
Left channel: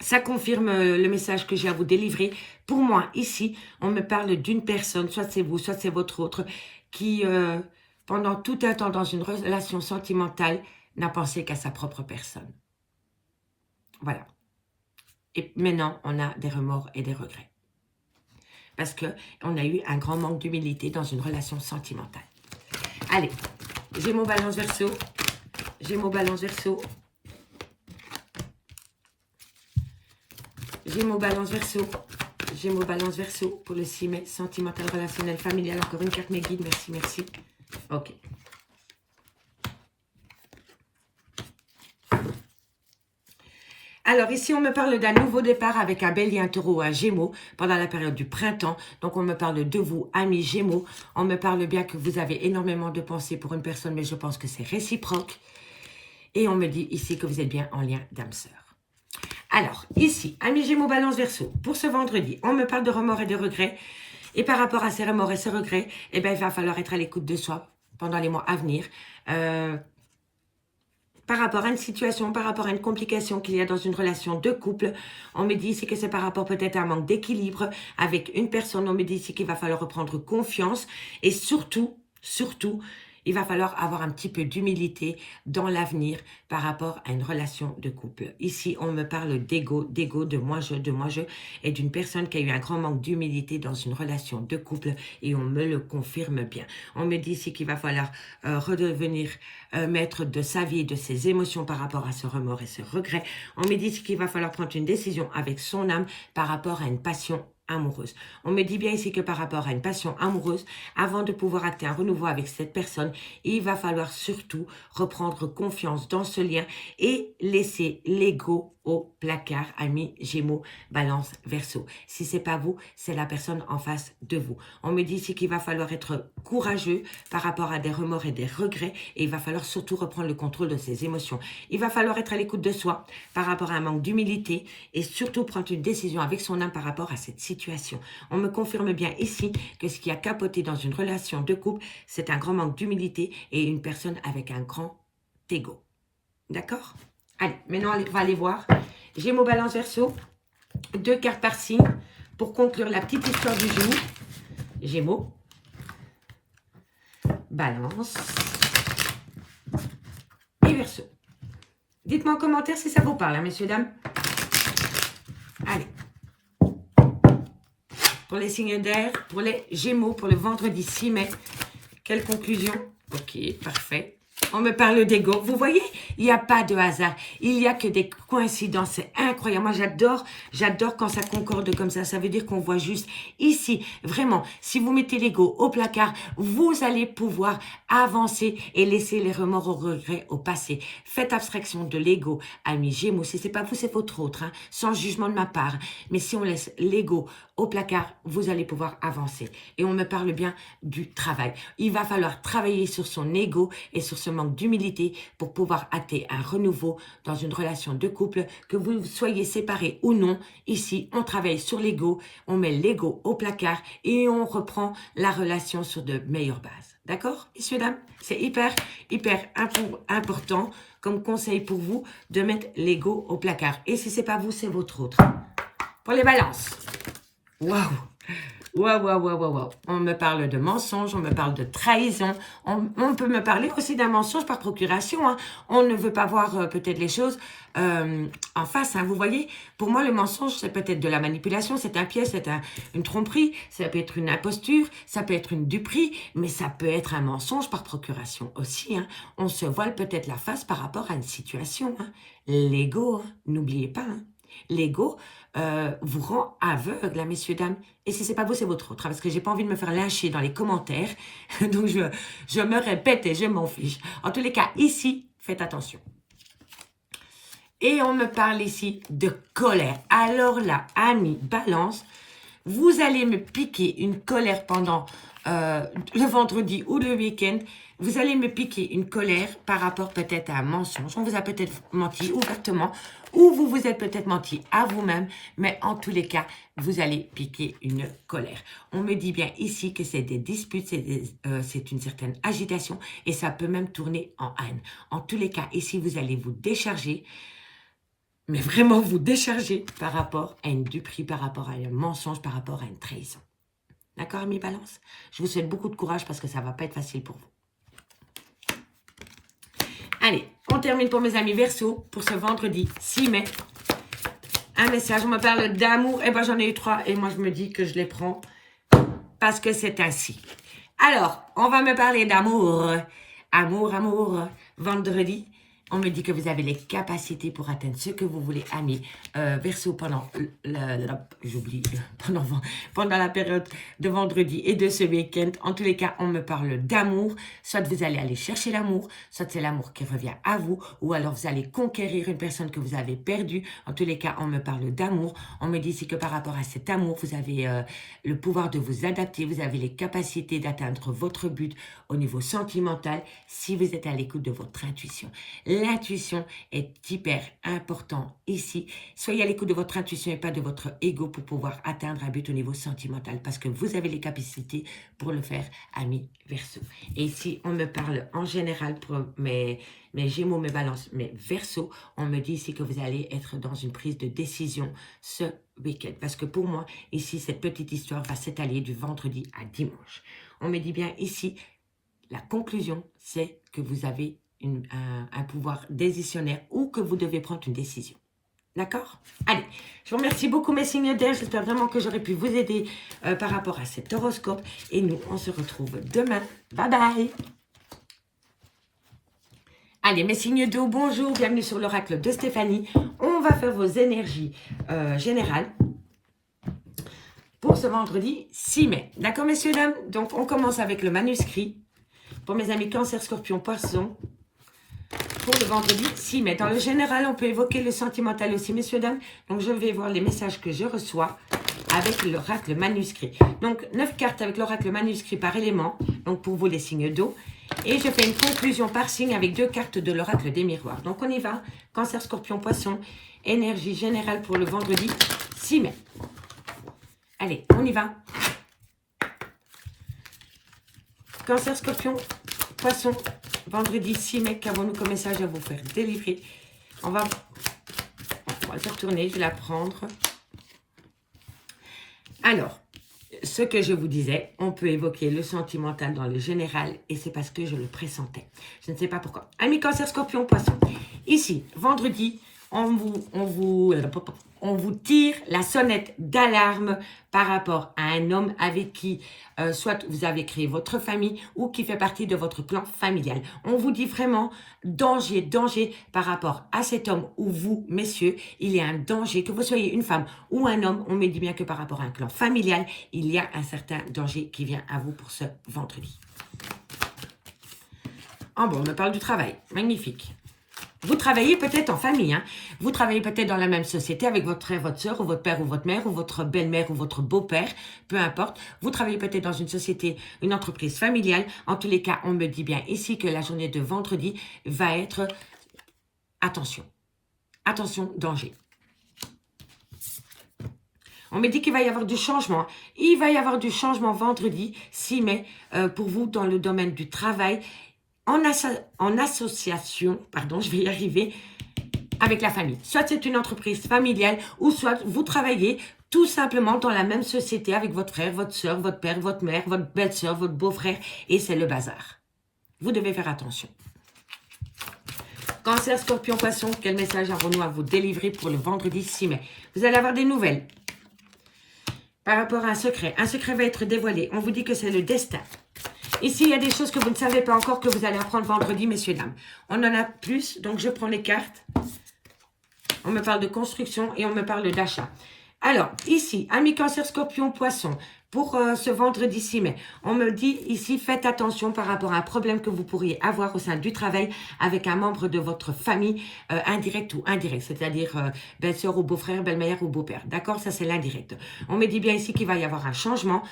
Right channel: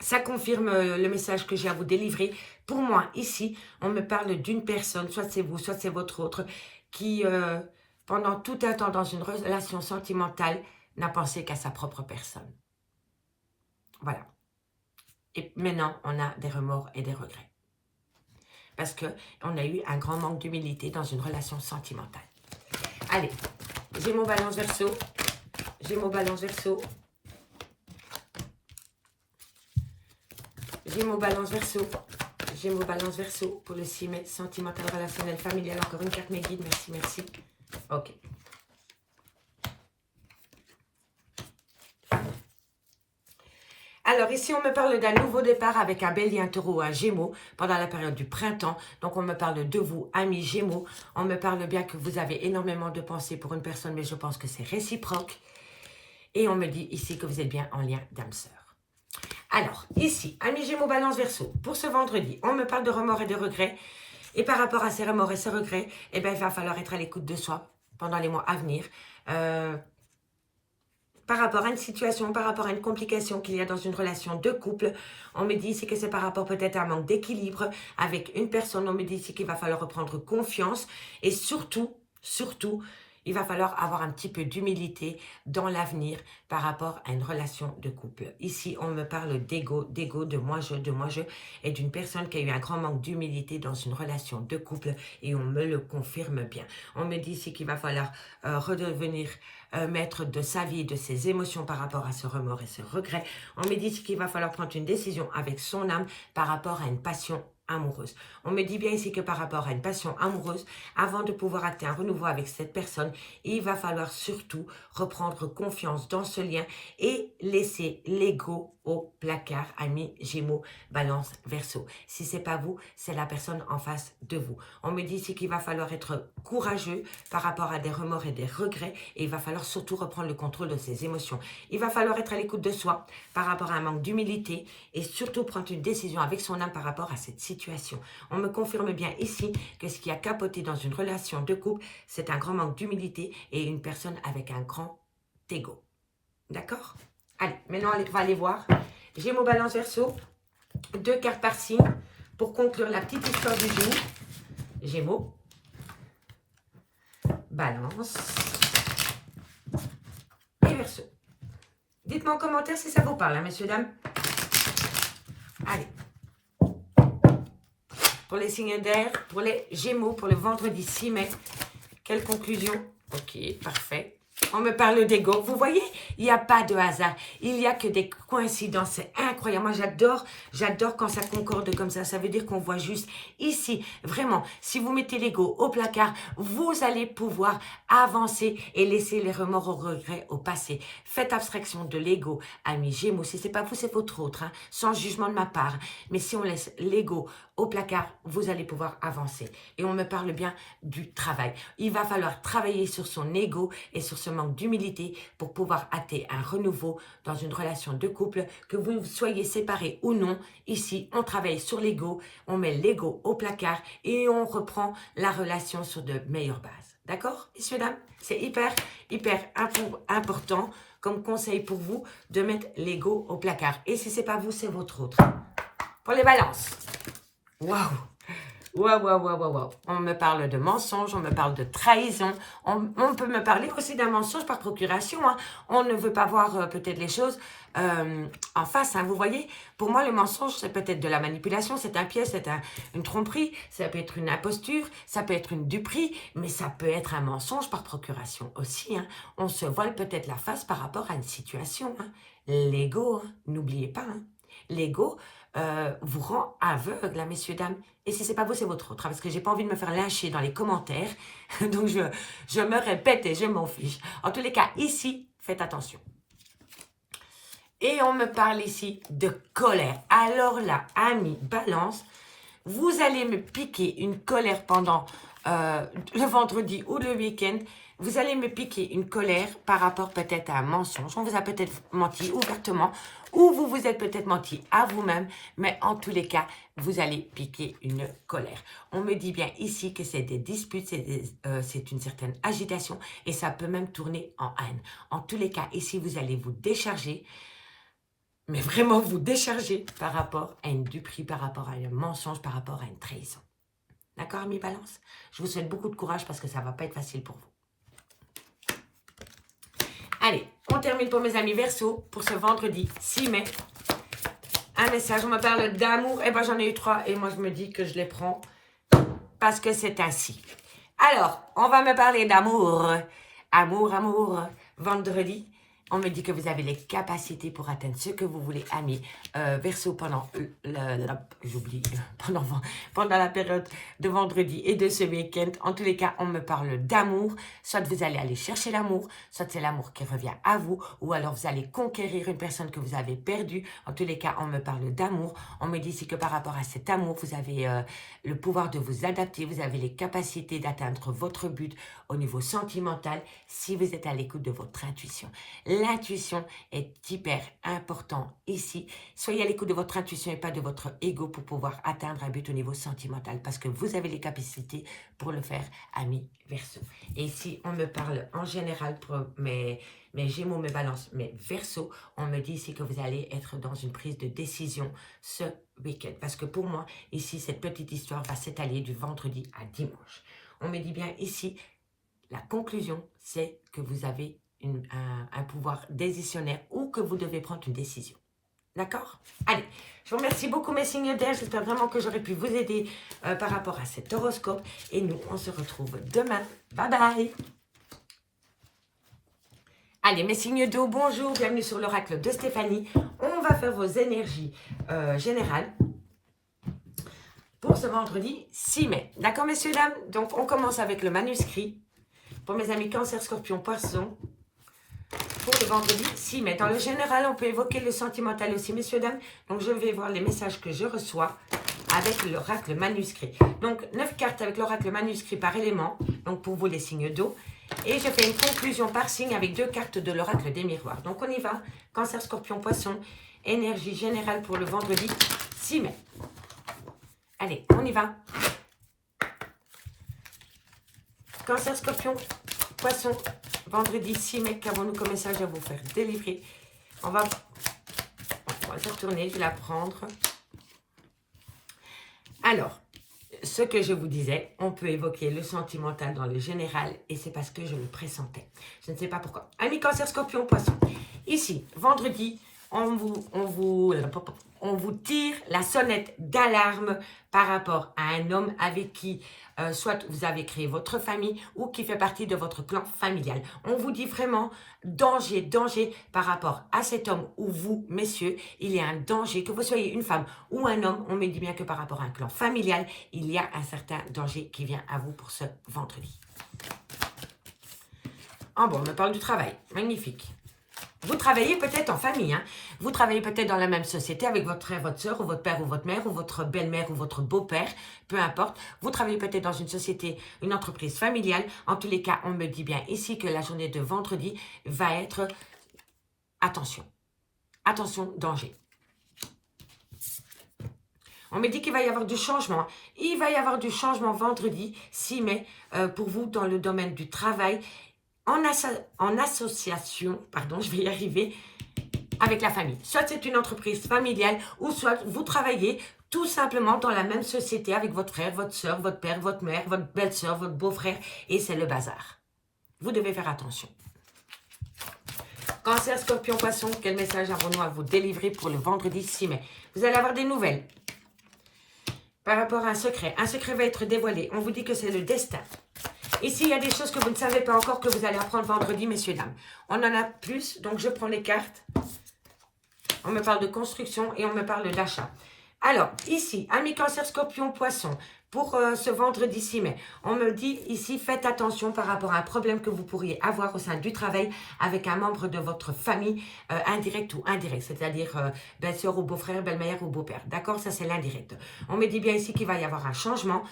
le message que j'ai à vous délivrer. Pour moi, ici, on me parle d'une personne, soit c'est vous, soit c'est votre autre, qui, pendant tout un temps dans une relation sentimentale, n'a pensé qu'à sa propre personne. Voilà. Et maintenant, on a des remords et des regrets. Parce qu'on a eu un grand manque d'humilité dans une relation sentimentale. Allez, Gémeaux, Balance, Verseau. Gémeaux, Balance, Verseau. Gémeaux, Balance, Verseau. Gémeaux, Balance, Verseau pour le 6 mai. Sentimental, relationnel, familial. Encore une carte, mes guides. Merci, merci. Ok. Alors, ici, on me parle d'un nouveau départ avec un bélier, un taureau, un gémeaux pendant la période du printemps. Donc, on me parle de vous, amis gémeaux. On me parle bien que vous avez énormément de pensées pour une personne, mais je pense que c'est réciproque. Et on me dit ici que vous êtes bien en lien d'âme sœur. Alors, ici, amis gémeaux, Balance, Verseau, pour ce vendredi, on me parle de remords et de regrets. Et par rapport à ces remords et ces regrets, eh bien, il va falloir être à l'écoute de soi pendant les mois à venir. Par rapport à une situation, par rapport à une complication qu'il y a dans une relation de couple. On me dit ici que c'est par rapport peut-être à un manque d'équilibre avec une personne. On me dit ici qu'il va falloir reprendre confiance. Et surtout, il va falloir avoir un petit peu d'humilité dans l'avenir par rapport à une relation de couple. Ici, on me parle d'ego, de moi je, et d'une personne qui a eu un grand manque d'humilité dans une relation de couple, et on me le confirme bien. On me dit ici qu'il va falloir redevenir maître de sa vie, de ses émotions par rapport à ce remords et ce regret. On me dit qu'il va falloir prendre une décision avec son âme par rapport à une passion amoureuse. On me dit bien ici que par rapport à une passion amoureuse, avant de pouvoir acter un renouveau avec cette personne, il va falloir surtout reprendre confiance dans ce lien et laisser l'ego au placard, amis Gémeaux, Balance, Verseau. Si ce n'est pas vous, c'est la personne en face de vous. On me dit ici qu'il va falloir être courageux par rapport à des remords et des regrets, et il va falloir surtout reprendre le contrôle de ses émotions. Il va falloir être à l'écoute de soi par rapport à un manque d'humilité et surtout prendre une décision avec son âme par rapport à cette situation. On me confirme bien ici que ce qui a capoté dans une relation de couple, c'est un grand manque d'humilité et une personne avec un grand ego. D'accord? Allez, maintenant on va aller voir. Gémeaux, Balance, Verseau. 2 cartes par signe pour conclure la petite histoire du jour. Gémeaux, Balance et Verseau. Dites-moi en commentaire si ça vous parle, hein, messieurs, dames. Allez. Pour les signes d'air, pour les Gémeaux, pour le vendredi 6 mai. Quelle conclusion? Ok, parfait. On me parle d'ego. Vous voyez, il n'y a pas de hasard. Il n'y a que des coïncidences. C'est incroyable. Moi, j'adore quand ça concorde comme ça. Ça veut dire qu'on voit juste ici. Vraiment, si vous mettez l'ego au placard, vous allez pouvoir avancer et laisser les remords, aux regrets au passé. Faites abstraction de l'ego, amis Gémeaux. Si ce n'est pas vous, c'est votre autre. Hein, sans jugement de ma part. Mais si on laisse l'ego au placard, vous allez pouvoir avancer. Et on me parle bien du travail. Il va falloir travailler sur son ego et sur ce manque d'humilité pour pouvoir acter un renouveau dans une relation de couple, que vous soyez séparés ou non. Ici, on travaille sur l'ego, on met l'ego au placard et on reprend la relation sur de meilleures bases. D'accord, messieurs, dames? C'est hyper important comme conseil pour vous de mettre l'ego au placard. Et si ce n'est pas vous, c'est votre autre. Pour les balances. Waouh! Waouh. On me parle de mensonge, on me parle de trahison. On peut me parler aussi d'un mensonge par procuration. Hein. On ne veut pas voir peut-être les choses en face. Hein. Vous voyez, pour moi, le mensonge, c'est peut-être de la manipulation, c'est un piège, c'est une tromperie, ça peut être une imposture, ça peut être une duperie, mais ça peut être un mensonge par procuration aussi. Hein. On se voile peut-être la face par rapport à une situation. Hein. L'ego, hein, n'oubliez pas. Hein. L'ego vous rend aveugle, messieurs, dames. Et si ce n'est pas vous, c'est votre autre. Parce que je n'ai pas envie de me faire lyncher dans les commentaires. Donc, je me répète et je m'en fiche. En tous les cas, ici, faites attention. Et on me parle ici de colère. Alors là, amis, balance, vous allez me piquer une colère pendant le vendredi ou le week-end. Vous allez me piquer une colère par rapport peut-être à un mensonge. On vous a peut-être menti ouvertement ou vous vous êtes peut-être menti à vous-même. Mais en tous les cas, vous allez piquer une colère. On me dit bien ici que c'est des disputes, c'est une certaine agitation et ça peut même tourner en haine. En tous les cas, ici, vous allez vous décharger. Mais vraiment vous décharger par rapport à une duperie, par rapport à un mensonge, par rapport à une trahison. D'accord, amis balance? Je vous souhaite beaucoup de courage parce que ça ne va pas être facile pour vous. Allez, on termine pour mes amis Verseau pour ce vendredi 6 mai. Un message, on me parle d'amour. Eh bien, j'en ai eu 3 et moi, je me dis que je les prends parce que c'est ainsi. Alors, on va me parler d'amour. Amour, vendredi. On me dit que vous avez les capacités pour atteindre ce que vous voulez, amis. Verseau, pendant j'oublie, pendant la période de vendredi et de ce week-end. En tous les cas, on me parle d'amour. Soit vous allez aller chercher l'amour, soit c'est l'amour qui revient à vous, ou alors vous allez conquérir une personne que vous avez perdue. En tous les cas, on me parle d'amour. On me dit ici que par rapport à cet amour, vous avez le pouvoir de vous adapter. Vous avez les capacités d'atteindre votre but au niveau sentimental si vous êtes à l'écoute de votre intuition. L'intuition est hyper important ici. Soyez à l'écoute de votre intuition et pas de votre ego pour pouvoir atteindre un but au niveau sentimental parce que vous avez les capacités pour le faire, amis Verseau. Et ici, on me parle en général pour mes Gémeaux, mes Balances, mes Verseaux. On me dit ici que vous allez être dans une prise de décision ce week-end. Parce que pour moi, ici, cette petite histoire va s'étaler du vendredi à dimanche. On me dit bien ici, la conclusion, c'est que vous avez un pouvoir décisionnaire ou que vous devez prendre une décision. D'accord? Allez, je vous remercie beaucoup mes signes d'air. J'espère vraiment que j'aurai pu vous aider par rapport à cet horoscope. Et nous, on se retrouve demain. Bye bye! Allez, mes signes d'eau, bonjour, bienvenue sur l'oracle de Stéphanie. On va faire vos énergies générales pour ce vendredi 6 mai. D'accord, messieurs, dames? Donc, on commence avec le manuscrit. Pour mes amis Cancer, Scorpion, Poisson, pour le vendredi 6 mai. Dans le général, on peut évoquer le sentimental aussi, messieurs, dames. Donc, je vais voir les messages que je reçois avec l'oracle manuscrit. Donc, 9 cartes avec l'oracle manuscrit par élément. Donc, pour vous, les signes d'eau. Et je fais une conclusion par signe avec 2 cartes de l'oracle des miroirs. Donc, on y va. Cancer, Scorpion, Poisson. Énergie générale pour le vendredi 6 mai. Allez, on y va. Cancer, Scorpion, Poisson, vendredi 6 mai, qu'avons-nous comme message à vous faire délivrer? On va se retourner, je vais la prendre. Alors, ce que je vous disais, on peut évoquer le sentimental dans le général et c'est parce que je le pressentais. Je ne sais pas pourquoi. Amis Cancer, Scorpion, Poisson. Ici, vendredi, on vous tire la sonnette d'alarme par rapport à un homme avec qui soit vous avez créé votre famille ou qui fait partie de votre clan familial. On vous dit vraiment danger, danger par rapport à cet homme ou vous, messieurs, il y a un danger, que vous soyez une femme ou un homme, on me dit bien que par rapport à un clan familial, il y a un certain danger qui vient à vous pour ce vendredi. Ah bon, on me parle du travail, magnifique. Vous travaillez peut-être en famille, hein? Vous travaillez peut-être dans la même société avec votre frère, votre soeur, ou votre père ou votre mère, ou votre belle-mère ou votre beau-père, peu importe. Vous travaillez peut-être dans une société, une entreprise familiale. En tous les cas, on me dit bien ici que la journée de vendredi va être attention. Attention, danger. On me dit qu'il va y avoir du changement. Il va y avoir du changement vendredi 6 mai pour vous dans le domaine du travail. En association, pardon, je vais y arriver, avec la famille. Soit c'est une entreprise familiale, ou soit vous travaillez tout simplement dans la même société avec votre frère, votre soeur, votre père, votre mère, votre belle-soeur, votre beau-frère, et c'est le bazar. Vous devez faire attention. Cancer, Scorpion, Poisson, quel message avons-nous à vous délivrer pour le vendredi 6 mai? Vous allez avoir des nouvelles par rapport à un secret. Un secret va être dévoilé. On vous dit que c'est le destin. Ici, il y a des choses que vous ne savez pas encore que vous allez apprendre vendredi, messieurs, dames. On en a plus, donc je prends les cartes. On me parle de construction et on me parle d'achat. Alors, ici, amis Cancer, Scorpion, Poisson, pour ce vendredi 6 mai, on me dit ici, faites attention par rapport à un problème que vous pourriez avoir au sein du travail avec un membre de votre famille, indirect ou indirect, c'est-à-dire belle-sœur ou beau-frère, belle-mère ou beau-père. D'accord? Ça, c'est l'indirect. On me dit bien ici qu'il va y avoir un changement.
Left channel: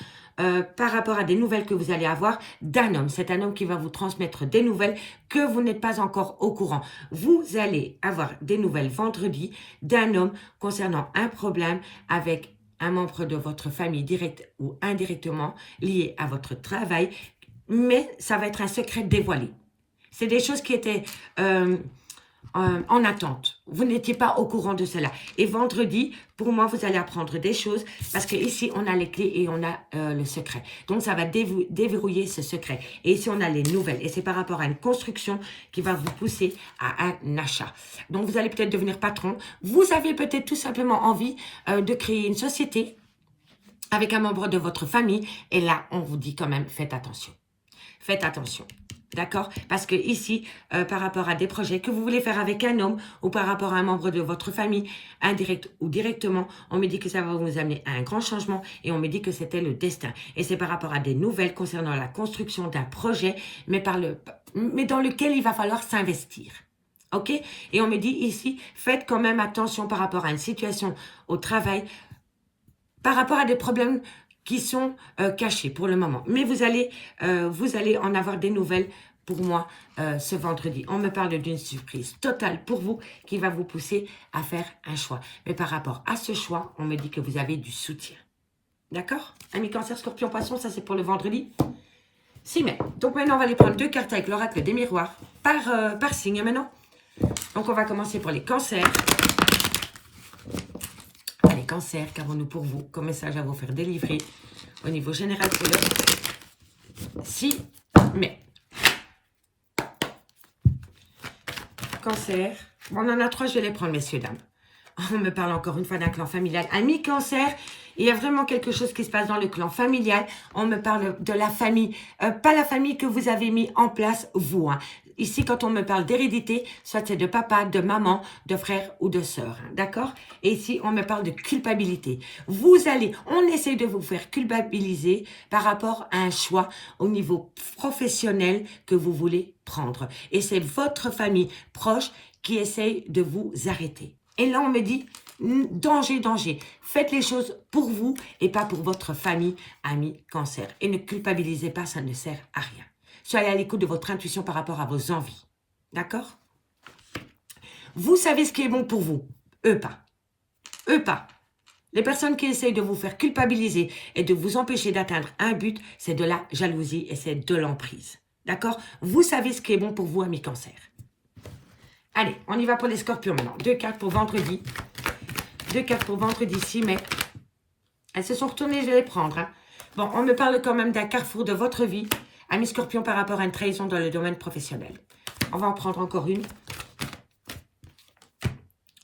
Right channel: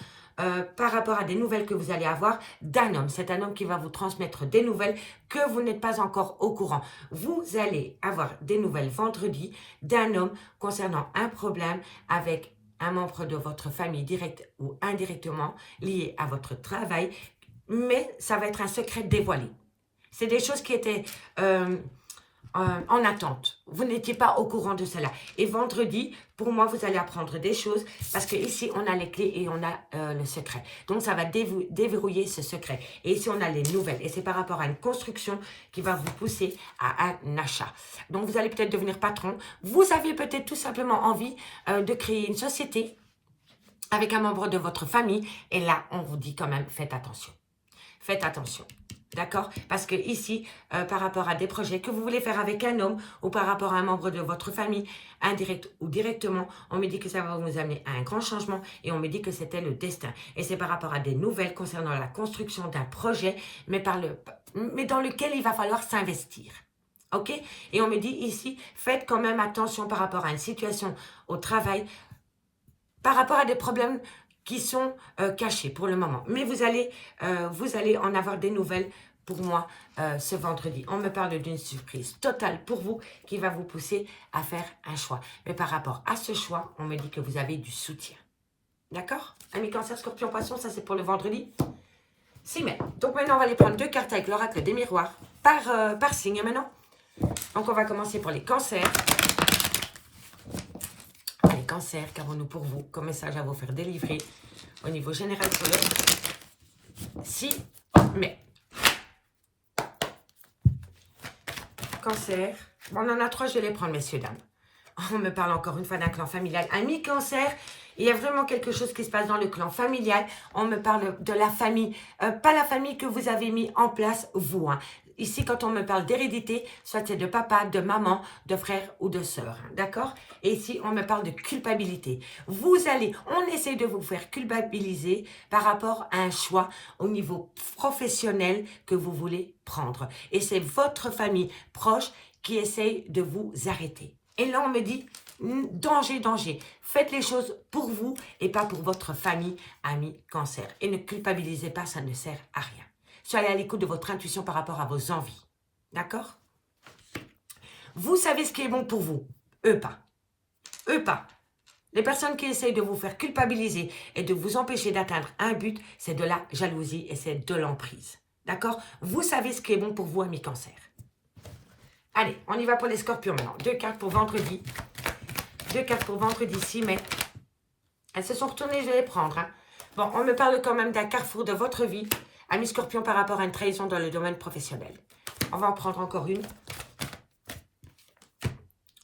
Par rapport à des nouvelles que vous allez avoir d'un homme. C'est un homme qui va vous transmettre des nouvelles que vous n'êtes pas encore au courant. Vous allez avoir des nouvelles vendredi d'un homme concernant un problème avec un membre de votre famille direct ou indirectement lié à votre travail, mais ça va être un secret dévoilé. C'est des choses qui étaient en attente. Vous n'étiez pas au courant de cela. Et vendredi, pour moi, vous allez apprendre des choses parce que ici, on a les clés et on a le secret. Donc, ça va déverrouiller ce secret. Et ici, on a les nouvelles. Et c'est par rapport à une construction qui va vous pousser à un achat. Donc, vous allez peut-être devenir patron. Vous avez peut-être tout simplement envie de créer une société avec un membre de votre famille. Et là, on vous dit quand même, faites attention. Faites attention. D'accord? Parce que ici, par rapport à des projets que vous voulez faire avec un homme ou par rapport à un membre de votre famille, indirect ou directement, on me dit que ça va vous amener à un grand changement et on me dit que c'était le destin. Et c'est par rapport à des nouvelles concernant la construction d'un projet, mais dans lequel il va falloir s'investir. OK? Et on me dit ici, faites quand même attention par rapport à une situation au travail, par rapport à des problèmes qui sont cachés pour le moment. Mais vous allez en avoir des nouvelles pour moi ce vendredi. On me parle d'une surprise totale pour vous qui va vous pousser à faire un choix. Mais par rapport à ce choix, on me dit que vous avez du soutien. D'accord? Amis Cancer, Scorpion, Poisson, ça c'est pour le vendredi 6 mai. Donc maintenant, on va aller prendre 2 cartes avec l'oracle des miroirs par signe maintenant. Donc on va commencer pour les cancers. Allez, cancer, qu'avons-nous pour vous comme message à vous faire délivrer au niveau général pour le 6 mai. Cancer. Bon, on en a 3, je vais les prendre, messieurs, dames. On me parle encore une fois d'un clan familial. Amis cancer, il y a vraiment quelque chose qui se passe dans le clan familial. On me parle de la famille, pas la famille que vous avez mis en place, vous. Hein. Ici, quand on me parle d'hérédité, soit c'est de papa, de maman, de frère ou de sœur. Hein, d'accord? Et ici, on me parle de culpabilité. On essaie de vous faire culpabiliser par rapport à un choix au niveau professionnel que vous voulez prendre. Et c'est votre famille proche qui essaye de vous arrêter. Et là, on me dit, danger, danger. Faites les choses pour vous et pas pour votre famille, amis, cancer. Et ne culpabilisez pas, ça ne sert à rien. Soyez à l'écoute de votre intuition par rapport à vos envies. D'accord? Vous savez ce qui est bon pour vous. Eux pas. Eux pas. Les personnes qui essayent de vous faire culpabiliser et de vous empêcher d'atteindre un but, c'est de la jalousie et c'est de l'emprise. D'accord? Vous savez ce qui est bon pour vous, amis cancer. Allez, on y va pour les scorpions maintenant. 2 cartes pour vendredi. 2 cartes pour vendredi 6 mai. Elles se sont retournées, je vais les prendre. Hein. Bon, on me parle quand même d'un carrefour de votre vie. Amis scorpions par rapport à une trahison dans le domaine professionnel. On va en prendre encore une.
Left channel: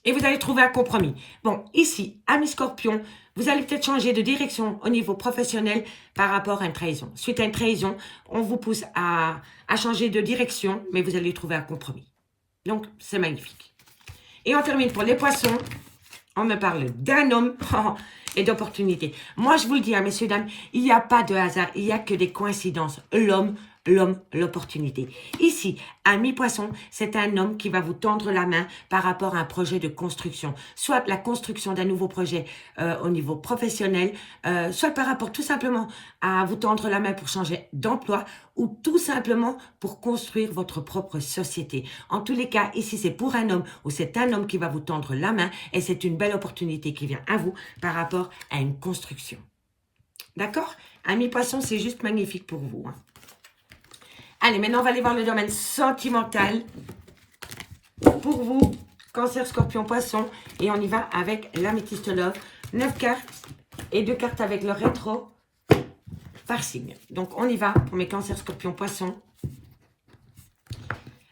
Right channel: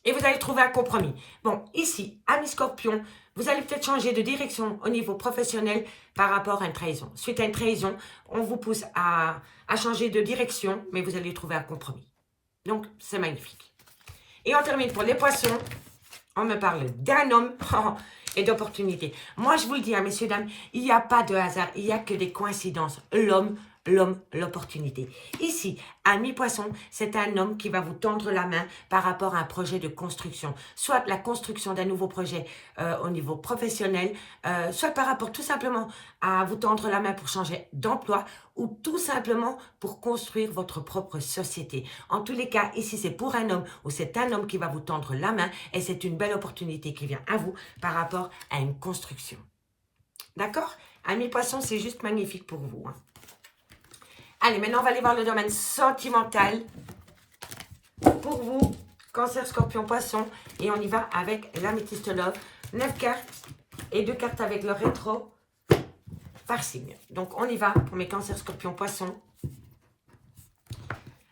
Et vous allez trouver un compromis. Bon, ici, amis scorpions, vous allez peut-être changer de direction au niveau professionnel par rapport à une trahison. Suite à une trahison, on vous pousse à changer de direction, mais vous allez trouver un compromis. Donc, c'est magnifique. Et on termine pour les poissons. On me parle d'un homme et d'opportunité. Moi, je vous le dis, hein, messieurs, dames, il n'y a pas de hasard, il n'y a que des coïncidences. L'homme, l'opportunité. Ici, ami poisson, c'est un homme qui va vous tendre la main par rapport à un projet de construction. Soit la construction d'un nouveau projet au niveau professionnel, soit par rapport tout simplement à vous tendre la main pour changer d'emploi ou tout simplement pour construire votre propre société. En tous les cas, ici, c'est pour un homme ou c'est un homme qui va vous tendre la main et c'est une belle opportunité qui vient à vous par rapport à une construction. D'accord? Ami poisson, c'est juste magnifique pour vous. Hein. Allez, maintenant, on va aller voir le domaine sentimental pour vous, cancer, scorpion, poisson. Et on y va avec l'améthyste love. 9 cartes et 2 cartes avec le rétro par signe. Donc, on y va pour mes cancers, scorpion, poisson.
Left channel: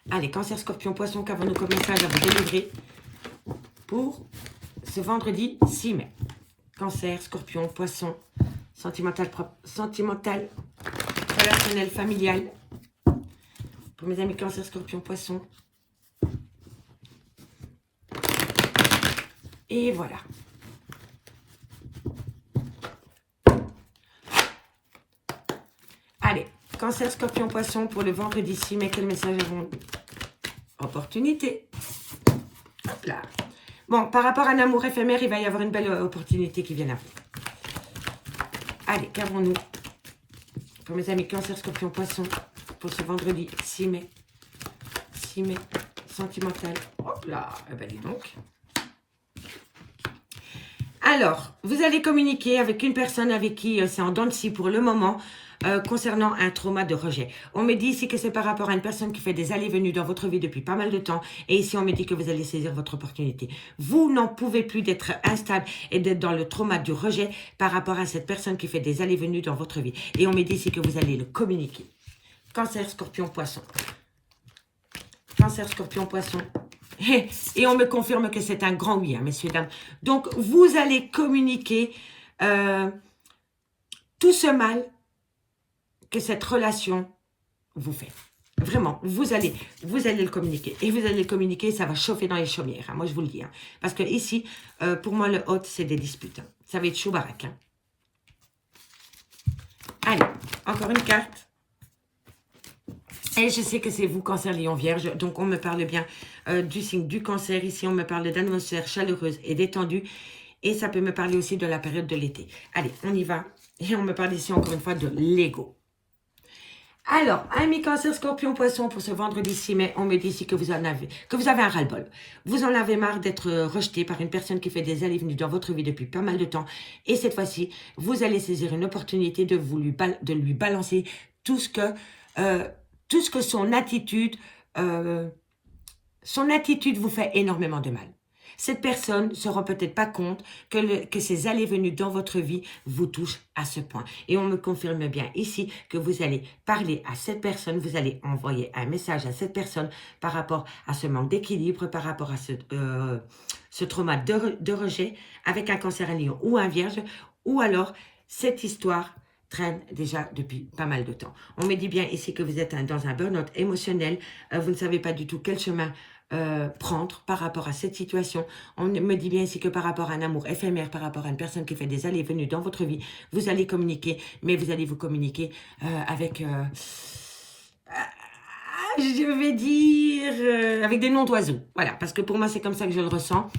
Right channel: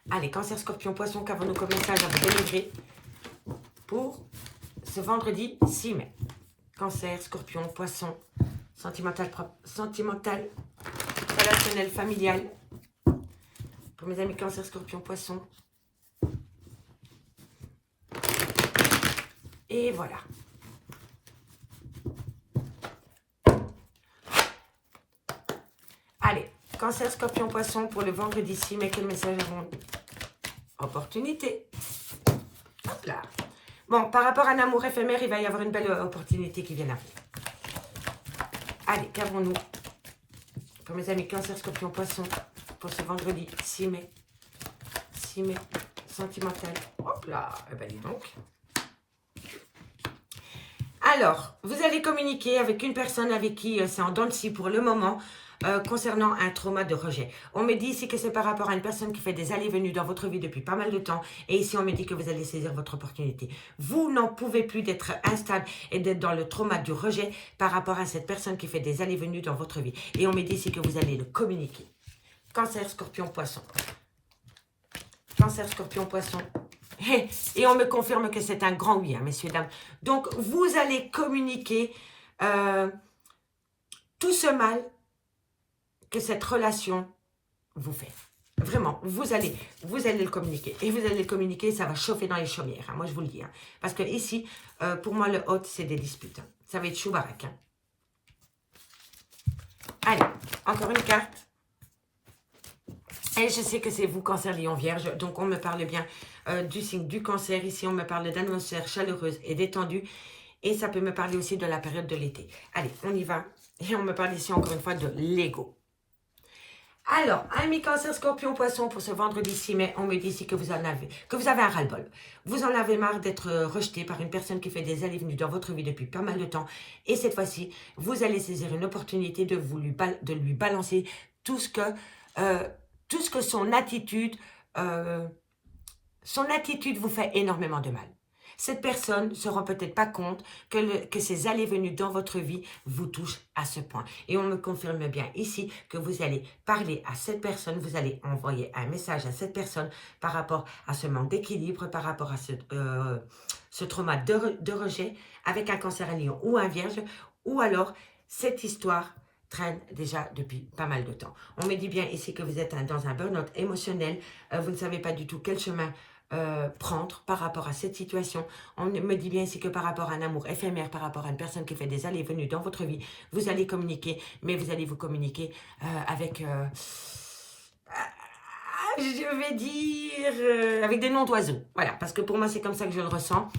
Allez, cancer, scorpion, poisson, qu'avons-nous comme message à vous délivrer pour ce vendredi 6 mai. Cancer, scorpion, poisson, sentimental, relationnel, familial. Pour mes amis cancer, scorpion, poisson. Et voilà. Allez, cancer, scorpion, poisson pour le vendredi 6 mai. Quel message avons-nous? Opportunité. Hop là. Bon, par rapport à un amour éphémère, il va y avoir une belle opportunité qui vient là. Allez, qu'avons-nous pour mes amis cancer, scorpion, poisson pour ce vendredi 6 mai. 6 mai, sentimental. Hop là, eh ben dis donc. Alors, vous allez communiquer avec une personne avec qui c'est en dents de scie pour le moment concernant un trauma de rejet. On me dit ici que c'est par rapport à une personne qui fait des allées-venues dans votre vie depuis pas mal de temps. Et ici, on me dit que vous allez saisir votre opportunité. Vous n'en pouvez plus d'être instable et d'être dans le trauma du rejet par rapport à cette personne qui fait des allées-venues dans votre vie. Et on me dit ici que vous allez le communiquer. Cancer, scorpion, poisson. Cancer, scorpion, poisson. Et on me confirme que c'est un grand oui, hein, messieurs, dames. Donc, vous allez communiquer tout ce mal que cette relation vous fait. Vraiment, vous allez le communiquer. Et vous allez le communiquer, ça va chauffer dans les chaumières. Hein, moi, je vous le dis. Hein. Parce que ici, pour moi, le hot, c'est des disputes. Hein. Ça va être chou-baraque. Hein. Allez, encore une carte. Et je sais que c'est vous, Cancer, Lion, Vierge. Donc, on me parle bien du signe du Cancer. Ici, on me parle d'atmosphère chaleureuse et détendue. Et ça peut me parler aussi de la période de l'été. Allez, on y va. Et on me parle ici, encore une fois, de l'ego. Alors, amis Cancer, Scorpion, Poisson, pour ce vendredi 6 mai, on me dit ici que vous avez un ras-le-bol. Vous en avez marre d'être rejeté par une personne qui fait des allées-venues dans votre vie depuis pas mal de temps. Et cette fois-ci, vous allez saisir une opportunité de lui balancer tout ce que son attitude vous fait énormément de mal. Cette personne ne se rend peut-être pas compte que ces allées-venues dans votre vie vous touchent à ce point. Et on me confirme bien ici que vous allez parler à cette personne, vous allez envoyer un message à cette personne par rapport à ce manque d'équilibre, par rapport à ce trauma de rejet avec un Cancer, un Lion ou un Vierge, ou alors cette histoire traîne déjà depuis pas mal de temps. On me dit bien ici que vous êtes dans un burn-out émotionnel, vous ne savez pas du tout quel chemin prendre par rapport à cette situation. On me dit bien ici que par rapport à un amour éphémère, par rapport à une personne qui fait des allées et venues dans votre vie, vous allez communiquer, mais vous allez vous communiquer avec, je vais dire, avec des noms d'oiseaux. Voilà, parce que pour moi, c'est comme ça que je le ressens.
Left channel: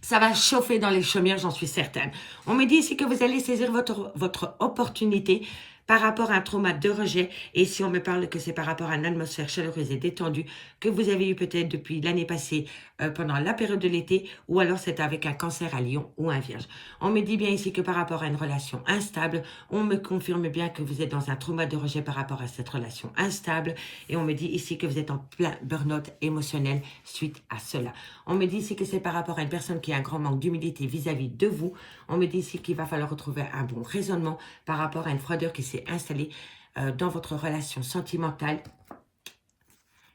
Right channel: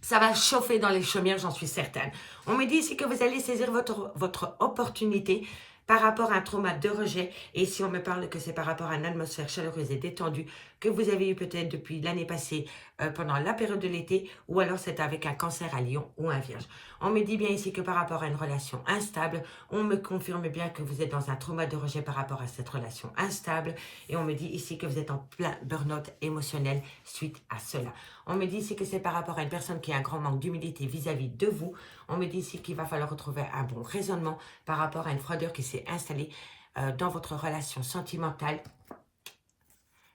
Ça va chauffer dans les chaumières, j'en suis certaine. On me dit ici que vous allez saisir votre opportunité par rapport à un trauma de rejet. Et si on me parle que c'est par rapport à une atmosphère chaleureuse et détendue que vous avez eu peut-être depuis l'année passée pendant la période de l'été, ou alors c'est avec un Cancer, un Lion ou un Vierge. On me dit bien ici que par rapport à une relation instable, on me confirme bien que vous êtes dans un trauma de rejet par rapport à cette relation instable. Et on me dit ici que vous êtes en plein burn-out émotionnel suite à cela. On me dit ici que c'est par rapport à une personne qui a un grand manque d'humilité vis-à-vis de vous. On me dit ici qu'il va falloir retrouver un bon raisonnement par rapport à une froideur qui s'est installée dans votre relation sentimentale.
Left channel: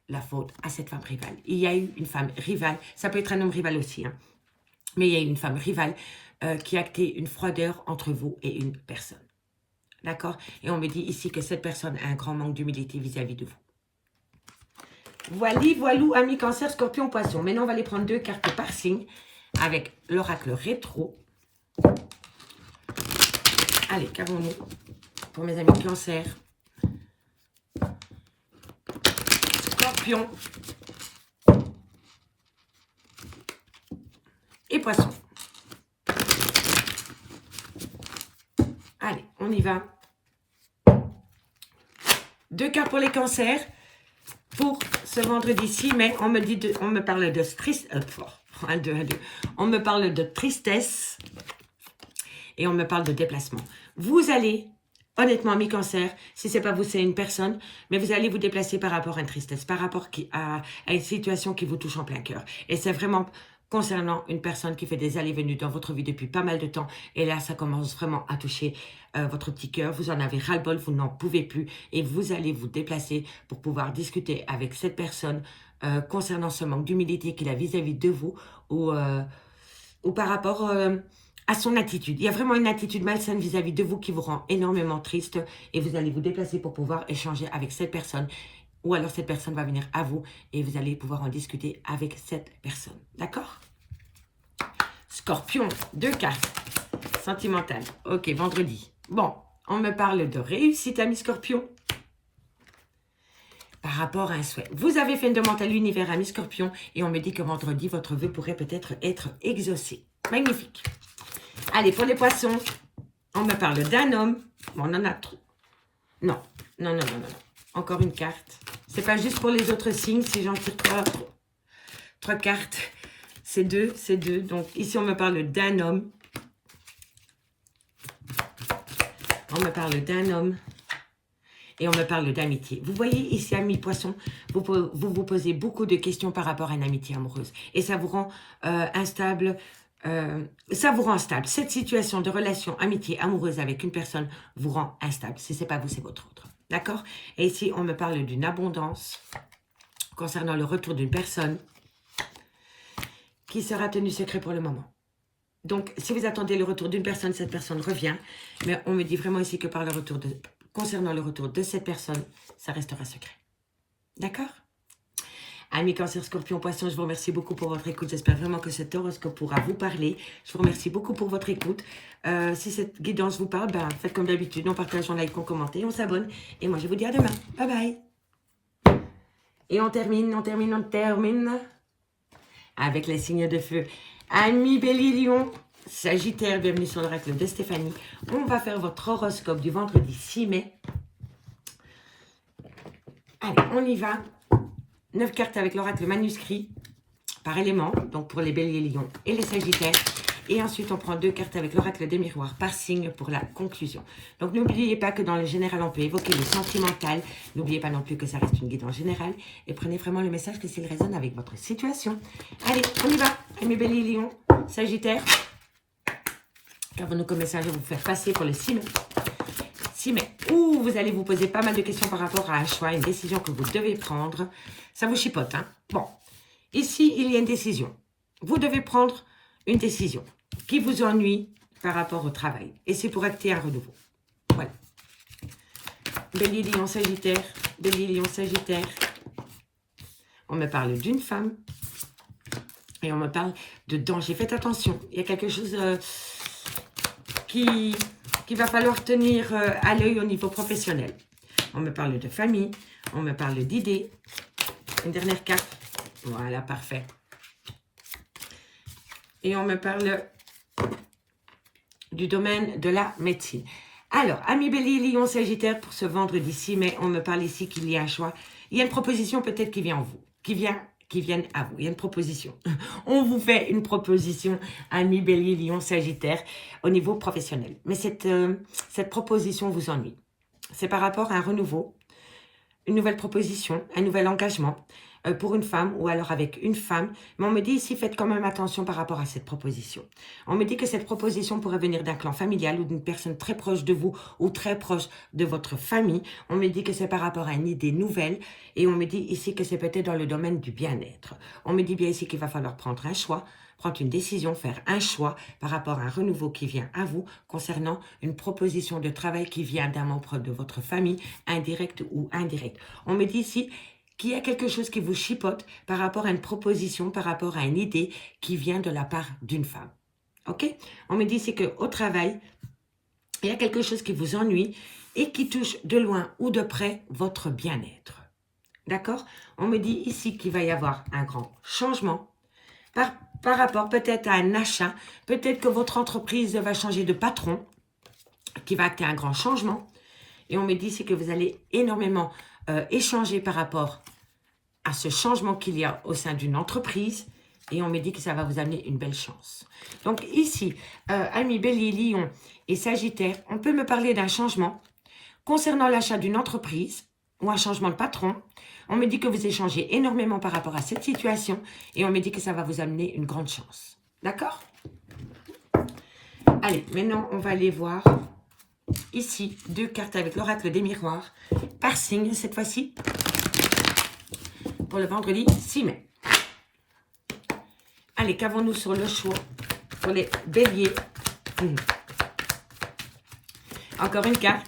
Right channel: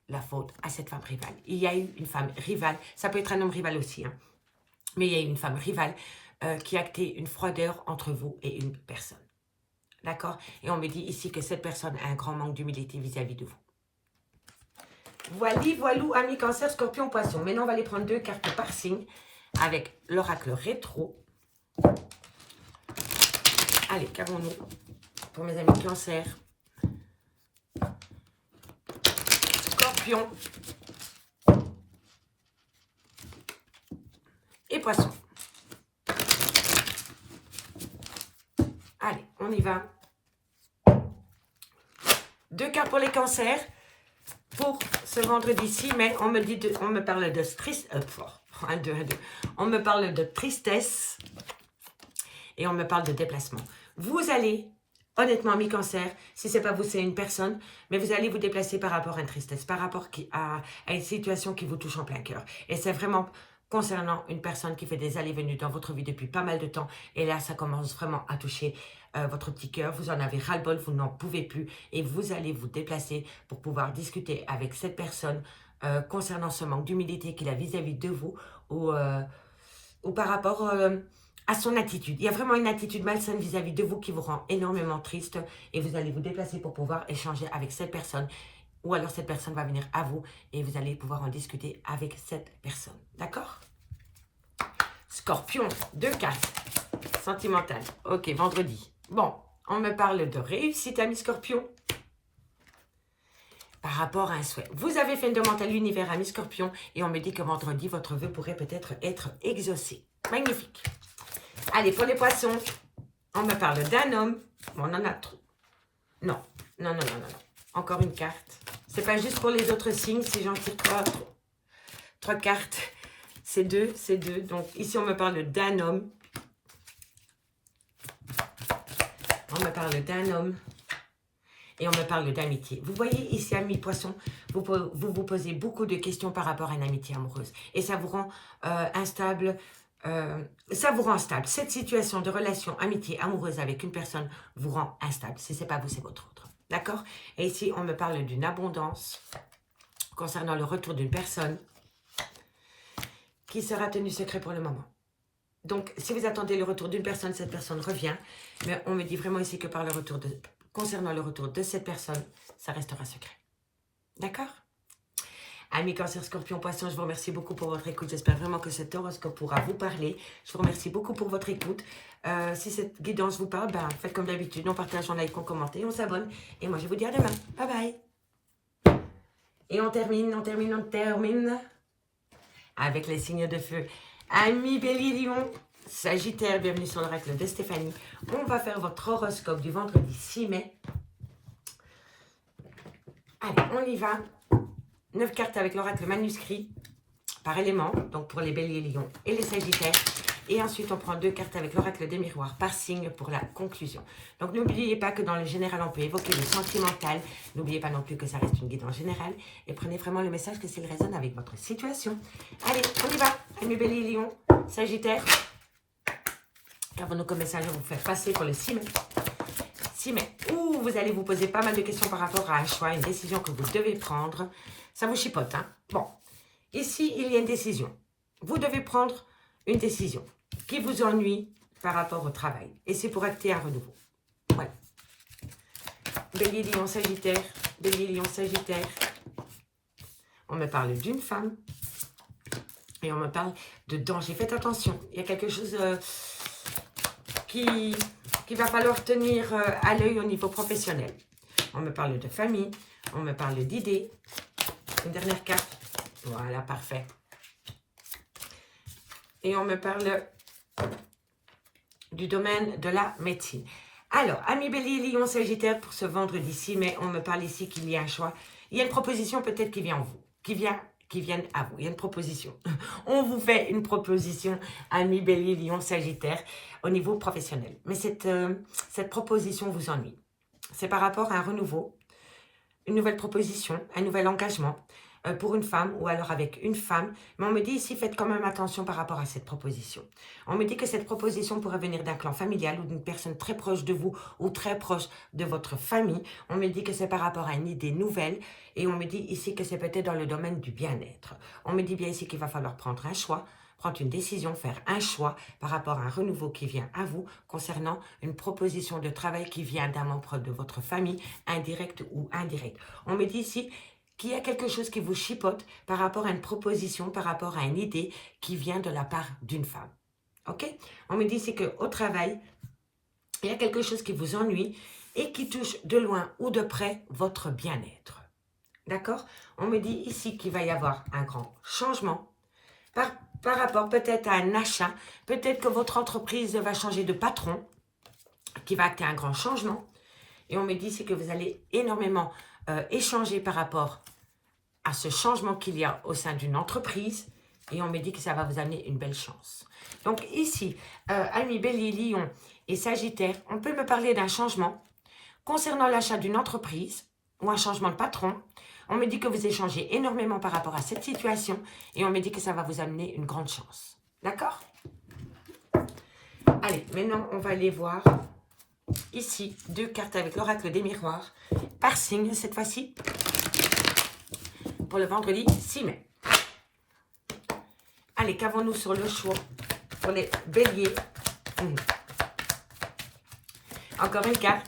La faute à cette femme rivale. Il y a eu une femme rivale, ça peut être un homme rival aussi, hein, mais il y a eu une femme rivale qui a acté une froideur entre vous et une personne. D'accord? Et on me dit ici que cette personne a un grand manque d'humilité vis-à-vis de vous. Voilou, amis Cancer, Scorpion, Poisson. Maintenant, on va aller prendre 2 cartes par signe avec l'oracle rétro. Allez, qu'avons-nous pour mes amis Cancer, Scorpion et Poisson. Allez, on y va. 2 cartes pour les Cancers. Pour ce vendredi 6 mai, on me parle de tristesse. On me parle de tristesse et on me parle de déplacement. Vous allez, honnêtement, mes Cancers, si ce n'est pas vous, c'est une personne, mais vous allez vous déplacer par rapport à une tristesse, par rapport à une situation qui vous touche en plein cœur. Et c'est vraiment concernant une personne qui fait des allées-venues dans votre vie depuis pas mal de temps. Et là, ça commence vraiment à toucher votre petit cœur. Vous en avez ras-le-bol, vous n'en pouvez plus. Et vous allez vous déplacer pour pouvoir discuter avec cette personne concernant ce manque d'humilité qu'il a vis-à-vis de vous ou par rapport à son attitude. Il y a vraiment une attitude malsaine vis-à-vis de vous qui vous rend énormément triste. Et vous allez vous déplacer pour pouvoir échanger avec cette personne. Ou alors cette personne va venir à vous et vous allez pouvoir en discuter avec cette personne. D'accord? Scorpion, 2 cartes. Sentimentale. Ok, vendredi. Bon, on me parle de réussite, amis Scorpion. Par rapport à un souhait. Vous avez fait une demande à l'univers, amis Scorpion, et on me dit que vendredi, votre vœu pourrait peut-être être exaucé. Magnifique. Allez, pour les Poissons, on me parle d'un homme. Bon, on en a trop. Non. Encore une carte. C'est pas juste pour les autres signes, si j'en tire 3 cartes. C'est 2. Donc ici, on me parle d'un homme. On me parle d'un homme. Et on me parle d'amitié. Vous voyez ici, amis Poissons, vous posez beaucoup de questions par rapport à une amitié amoureuse. Et ça vous rend instable. Cette situation de relation, amitié, amoureuse avec une personne vous rend instable. Si ce n'est pas vous, c'est votre autre. D'accord? Et ici, on me parle d'une abondance concernant le retour d'une personne qui sera tenue secret pour le moment. Donc, si vous attendez le retour d'une personne, cette personne revient. Mais on me dit vraiment ici que concernant le retour de cette personne, ça restera secret. D'accord? Amis Cancer, Scorpion, Poisson, je vous remercie beaucoup pour votre écoute. J'espère vraiment que cet horoscope pourra vous parler. Je vous remercie beaucoup pour votre écoute. Si cette guidance vous parle, ben, faites comme d'habitude. On partage, on like, on commente et on s'abonne. Et moi, je vous dis à demain. Bye bye. Et on termine avec les signes de feu. Amis Bélier, Lion, Sagittaire, bienvenue sur l'oracle de Stéphanie. On va faire votre horoscope du vendredi 6 mai. Allez, on y va. 9 cartes avec l'oracle manuscrit par élément, donc pour les Béliers, Lions et les Sagittaires. Et ensuite, on prend 2 cartes avec l'oracle des miroirs par signe pour la conclusion. Donc, n'oubliez pas que dans le général, on peut évoquer le sentimental. N'oubliez pas non plus que ça reste une guidance générale. Et prenez vraiment le message que s'il résonne avec votre situation. Allez, on y va. Amis Bélier, Lions, Sagittaire. Qu'avons-nous comme message à vous faire passer pour le 6 mai? 6 mai, où vous allez vous poser pas mal de questions par rapport à un choix, une décision que vous devez prendre. Ça vous chipote, hein? Bon, ici, il y a une décision. Vous devez prendre une décision qui vous ennuie par rapport au travail. Et c'est pour acter un renouveau. Ouais. Bélier, Lion, Sagittaire. Bélier, Lion, Sagittaire. On me parle d'une femme. Et on me parle de danger. Faites attention. Il y a quelque chose qu'il va falloir tenir à l'œil au niveau professionnel. On me parle de famille. On me parle d'idées. Une dernière carte. Voilà, parfait. Et on me parle du domaine de la médecine. Alors, amis Bélier, Lion, Sagittaire, pour ce vendredi 6 mai, on me parle ici qu'il y a un choix. Il y a une proposition peut-être qui vient qui viennent à vous. Il y a une proposition. On vous fait une proposition, amis Bélier, Lion, Sagittaire, au niveau professionnel. Mais cette proposition vous ennuie. C'est par rapport à un renouveau, une nouvelle proposition, un nouvel engagement pour une femme ou alors avec une femme. Mais on me dit ici, faites quand même attention par rapport à cette proposition. On me dit que cette proposition pourrait venir d'un clan familial ou d'une personne très proche de vous ou très proche de votre famille. On me dit que c'est par rapport à une idée nouvelle et on me dit ici que c'est peut-être dans le domaine du bien-être. On me dit bien ici qu'il va falloir prendre un choix, prendre une décision, faire un choix par rapport à un renouveau qui vient à vous concernant une proposition de travail qui vient d'un membre de votre famille, indirect ou indirect. On me dit ici qu'il y a quelque chose qui vous chipote par rapport à une proposition, par rapport à une idée qui vient de la part d'une femme. Ok? On me dit ici qu'au travail, il y a quelque chose qui vous ennuie et qui touche de loin ou de près votre bien-être. D'accord? On me dit ici qu'il va y avoir un grand changement par rapport peut-être à un achat. Peut-être que votre entreprise va changer de patron, qui va acter un grand changement. Et on me dit ici que vous allez énormément échanger par rapport à ce changement qu'il y a au sein d'une entreprise. Et on me dit que ça va vous amener une belle chance. Donc ici, amis Bélier, Lion et Sagittaire, on peut me parler d'un changement concernant l'achat d'une entreprise ou un changement de patron. On me dit que vous échangez énormément par rapport à cette situation et on me dit que ça va vous amener une grande chance. D'accord? Allez, maintenant, on va aller voir ici 2 cartes avec l'oracle des miroirs par signe cette fois-ci pour le vendredi 6 mai. Allez, qu'avons-nous sur le choix pour les béliers? Encore une carte.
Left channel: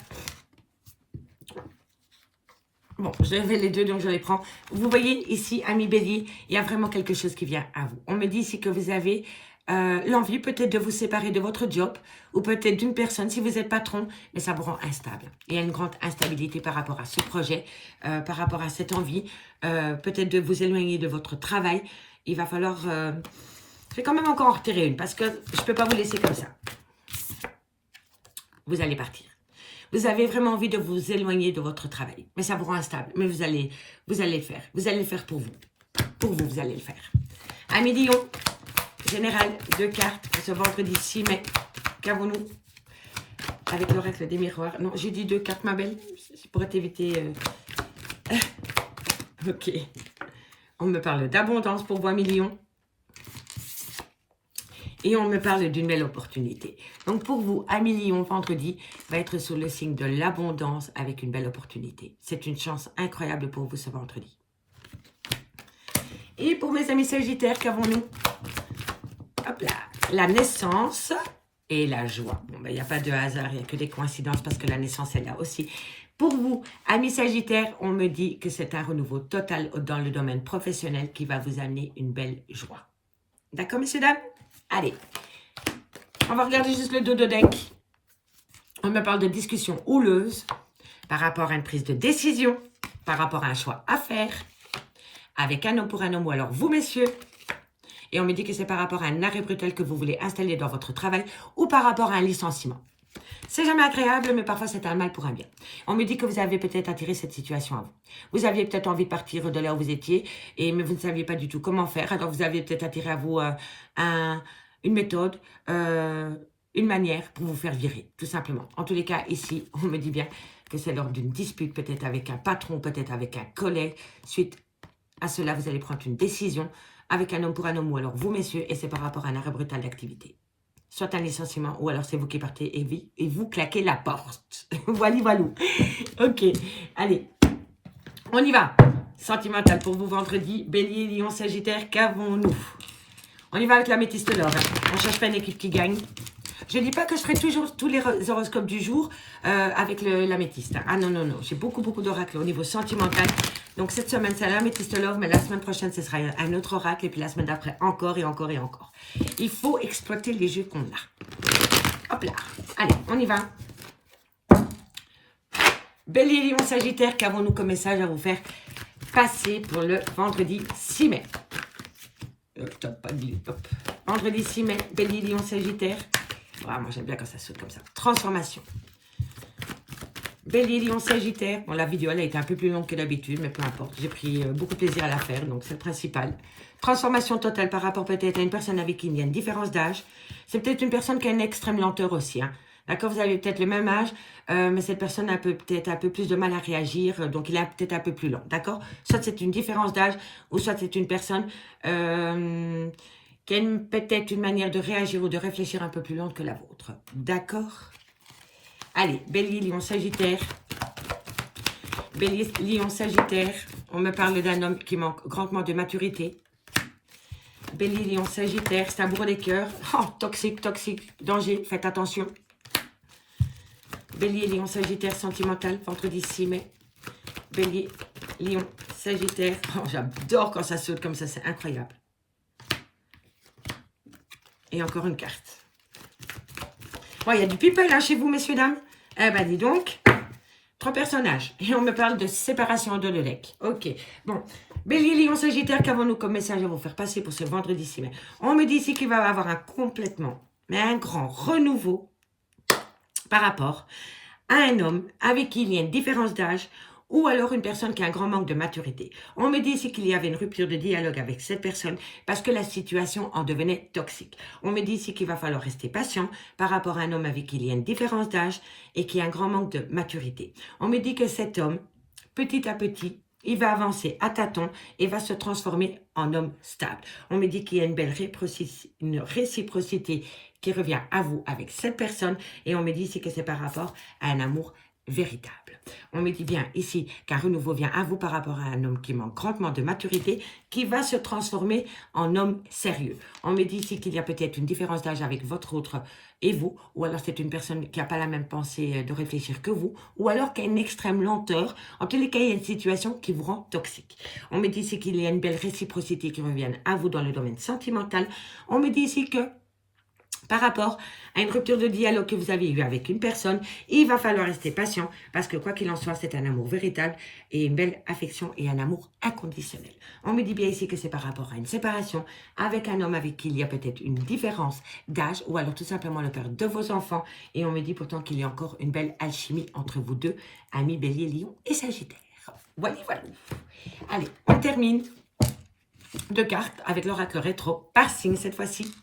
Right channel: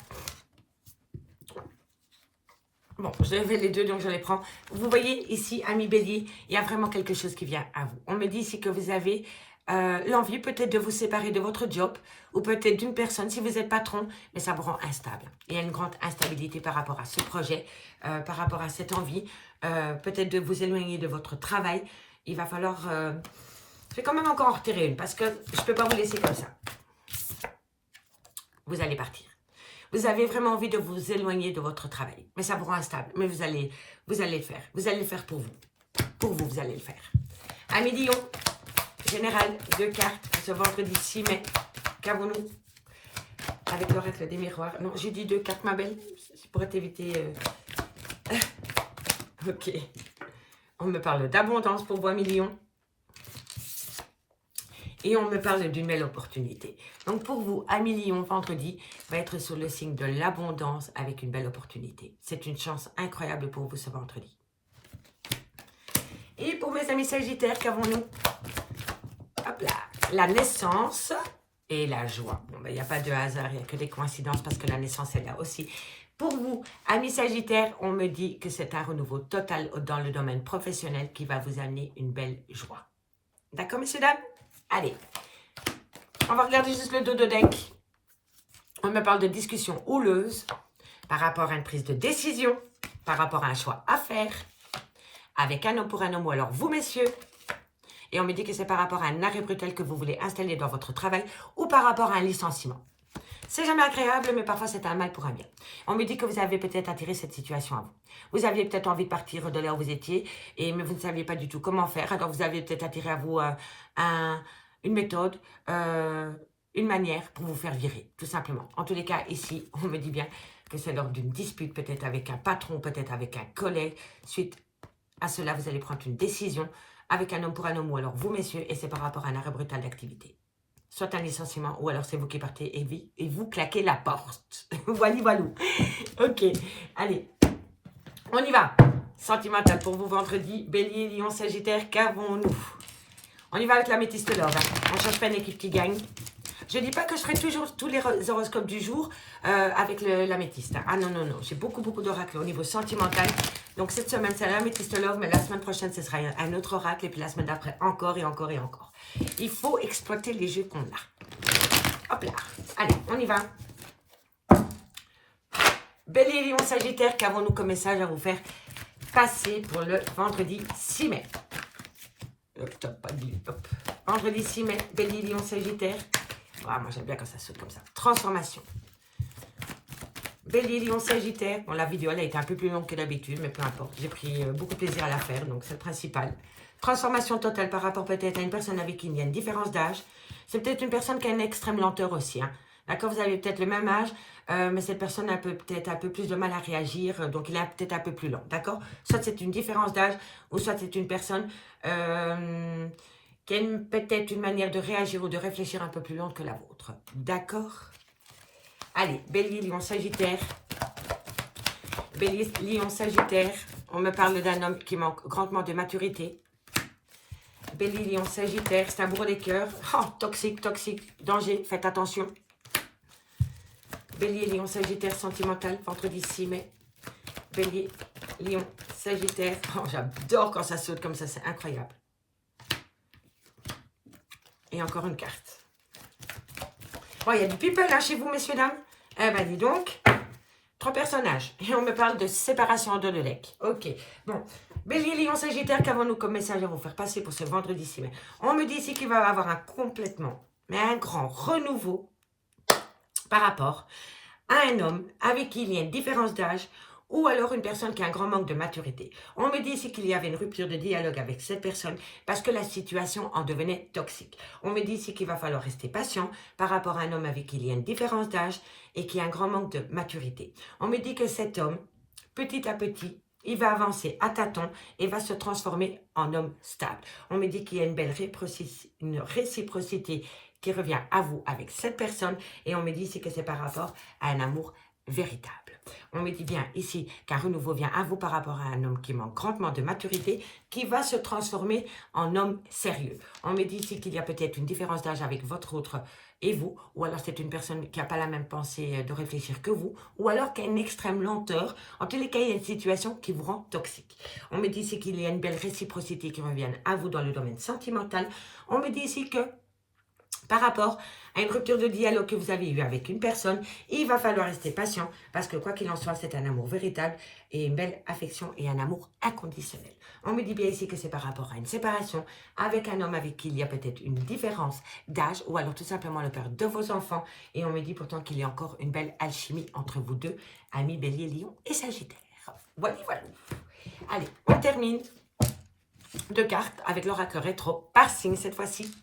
Bon, je vais les deux, donc je les prends. Vous voyez ici, amis bélier, il y a vraiment quelque chose qui vient à vous. On me dit ici que vous avez l'envie peut-être de vous séparer de votre job ou peut-être d'une personne si vous êtes patron, mais ça vous rend instable. Il y a une grande instabilité par rapport à ce projet, par rapport à cette envie, peut-être de vous éloigner de votre travail. Il va falloir... je vais quand même encore en retirer une parce que je ne peux pas vous laisser comme ça. Vous allez partir. Vous avez vraiment envie de vous éloigner de votre travail, mais ça vous rend instable. Mais vous allez le faire. Vous allez le faire pour vous. Pour vous, vous allez le faire. Amis Lion, général, 2 cartes pour ce vendredi 6 mai. Qu'avons-nous avec l'oracle des miroirs? Non, j'ai dit 2 cartes, ma belle. C'est pour t'éviter. Ok. On me parle d'abondance pour vous, amis Lion. Et on me parle d'une belle opportunité. Donc pour vous, amis Lion, vendredi va être sous le signe de l'abondance avec une belle opportunité. C'est une chance incroyable pour vous ce vendredi. Et pour mes amis Sagittaires, qu'avons-nous? Hop là, la naissance et la joie. Bon, ben, il n'y a pas de hasard, il n'y a que des coïncidences parce que la naissance est là aussi. Pour vous, amis Sagittaire, on me dit que c'est un renouveau total dans le domaine professionnel qui va vous amener une belle joie. D'accord, messieurs, dames? Allez, on va regarder juste le dos de deck. On me parle de discussion houleuse par rapport à une prise de décision, par rapport à un choix à faire, avec un homme pour un homme, ou alors vous, messieurs. Et on me dit que c'est par rapport à un arrêt brutal que vous voulez installer dans votre travail ou par rapport à un licenciement. C'est jamais agréable, mais parfois c'est un mal pour un bien. On me dit que vous avez peut-être attiré cette situation à vous. Vous aviez peut-être envie de partir de là où vous étiez, mais vous ne saviez pas du tout comment faire. Alors vous avez peut-être attiré à vous une méthode, une manière pour vous faire virer, tout simplement. En tous les cas, ici, on me dit bien que c'est lors d'une dispute, peut-être avec un patron, peut-être avec un collègue. Suite à cela, vous allez prendre une décision avec un homme pour un homme, ou alors vous, messieurs, et c'est par rapport à un arrêt brutal d'activité. Soit un licenciement, ou alors c'est vous qui partez et vous claquez la porte. Voilà, voilà. Ok, allez, on y va. Sentimental pour vous vendredi, Bélier, Lion, Sagittaire, qu'avons-nous? On y va avec la métiste d'or. On cherche pas une équipe qui gagne. Je ne dis pas que je ferai toujours tous les horoscopes du jour avec la métiste. Ah non, non, non. J'ai beaucoup d'oracles au niveau sentimental. Donc cette semaine, c'est la métiste love, mais la semaine prochaine, ce sera un autre oracle. Et puis la semaine d'après, encore et encore et encore. Il faut exploiter les jeux qu'on a. Hop là. Allez, on y va. Bélier, Lion, Sagittaire, qu'avons-nous comme message à vous faire passer pour le vendredi 6 mai? Vendredi 6 mai, Bélier, Lion, Sagittaire. Ah, moi, j'aime bien quand ça saute comme ça. Transformation. Bélier, Lion, Sagittaire. Bon, la vidéo, elle a été un peu plus longue que d'habitude, mais peu importe. J'ai pris beaucoup de plaisir à la faire, donc c'est le principal. Transformation totale par rapport peut-être à une personne avec qui il y a une différence d'âge. C'est peut-être une personne qui a une extrême lenteur aussi. Hein. D'accord, vous avez peut-être le même âge, mais cette personne a peut-être un peu plus de mal à réagir, donc il est peut-être un peu plus lent. D'accord? Soit c'est une différence d'âge, ou soit c'est une personne qui a peut-être une manière de réagir ou de réfléchir un peu plus lente que la vôtre. D'accord? Allez, Bélier, Lion, Sagittaire. Bélier, Lion, Sagittaire. On me parle d'un homme qui manque grandement de maturité. Bélier, Lion, Sagittaire. C'est un bourreau des cœurs. Oh, toxique, toxique. Danger, faites attention. Bélier, Lion, Sagittaire, sentimental. Vendredi 6 mai. Bélier, Lion, Sagittaire. Oh, j'adore quand ça saute comme ça, c'est incroyable. Et encore une carte. Bon, il y a du people hein, chez vous, messieurs, dames. Eh ben, dis donc. 3 personnages. Et on me parle de séparation de le deck. Ok. Bon. Bélier, Lion, Sagittaire, qu'avons-nous comme message à vous faire passer pour ce vendredi 6 mai? On me dit ici qu'il va y avoir un complètement, mais un grand renouveau par rapport à un homme avec qui il y a une différence d'âge ou alors une personne qui a un grand manque de maturité. On me dit ici qu'il y avait une rupture de dialogue avec cette personne parce que la situation en devenait toxique. On me dit ici qu'il va falloir rester patient par rapport à un homme avec qui il y a une différence d'âge et qui a un grand manque de maturité. On me dit que cet homme, petit à petit, il va avancer à tâtons et va se transformer en homme stable. On me dit qu'il y a une belle réciprocité qui revient à vous avec cette personne et on me dit ici que c'est par rapport à un amour véritable. On me dit bien ici qu'un renouveau vient à vous par rapport à un homme qui manque grandement de maturité, qui va se transformer en homme sérieux. On me dit ici qu'il y a peut-être une différence d'âge avec votre autre et vous, ou alors c'est une personne qui n'a pas la même pensée de réfléchir que vous, ou alors qui a une extrême lenteur. En tous les cas, il y a une situation qui vous rend toxique. On me dit ici qu'il y a une belle réciprocité qui revient à vous dans le domaine sentimental. On me dit ici que par rapport à une rupture de dialogue que vous avez eue avec une personne, il va falloir rester patient parce que quoi qu'il en soit, c'est un amour véritable et une belle affection et un amour inconditionnel. On me dit bien ici que c'est par rapport à une séparation avec un homme avec qui il y a peut-être une différence d'âge ou alors tout simplement le père de vos enfants et on me dit pourtant qu'il y a encore une belle alchimie entre vous deux, amis Bélier, Lion et Sagittaire. Voilà, voilà. Allez, on termine 2 cartes avec l'oracle rétro par signe cette fois-ci.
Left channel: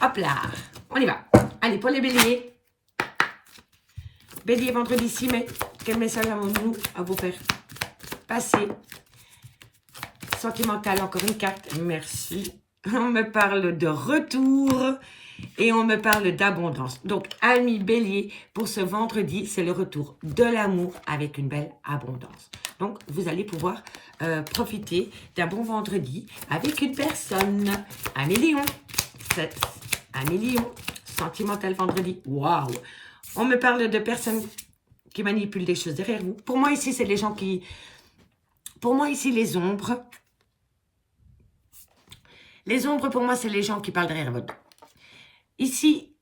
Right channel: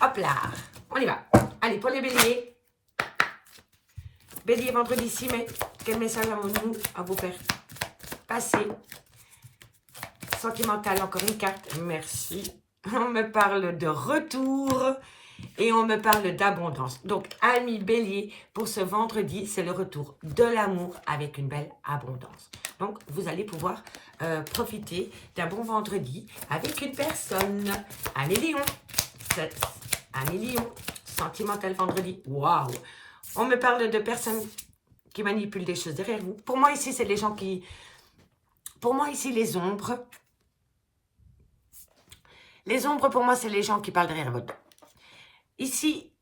Hop là, on y va. Allez, pour les béliers. Bélier, vendredi 6 mai. Quel message avons-nous à vous faire passer? Sentimental, encore une carte. Merci. On me parle de retour et on me parle d'abondance. Donc, amis bélier, pour ce vendredi, c'est le retour de l'amour avec une belle abondance. Donc, vous allez pouvoir profiter d'un bon vendredi avec une personne. Amis lion. Amis lion, sentimental vendredi. Waouh! On me parle de personnes qui manipulent des choses derrière vous. Pour moi, ici, c'est les gens qui... Pour moi, ici, les ombres. Les ombres, pour moi, c'est les gens qui parlent derrière votre dos. Ici,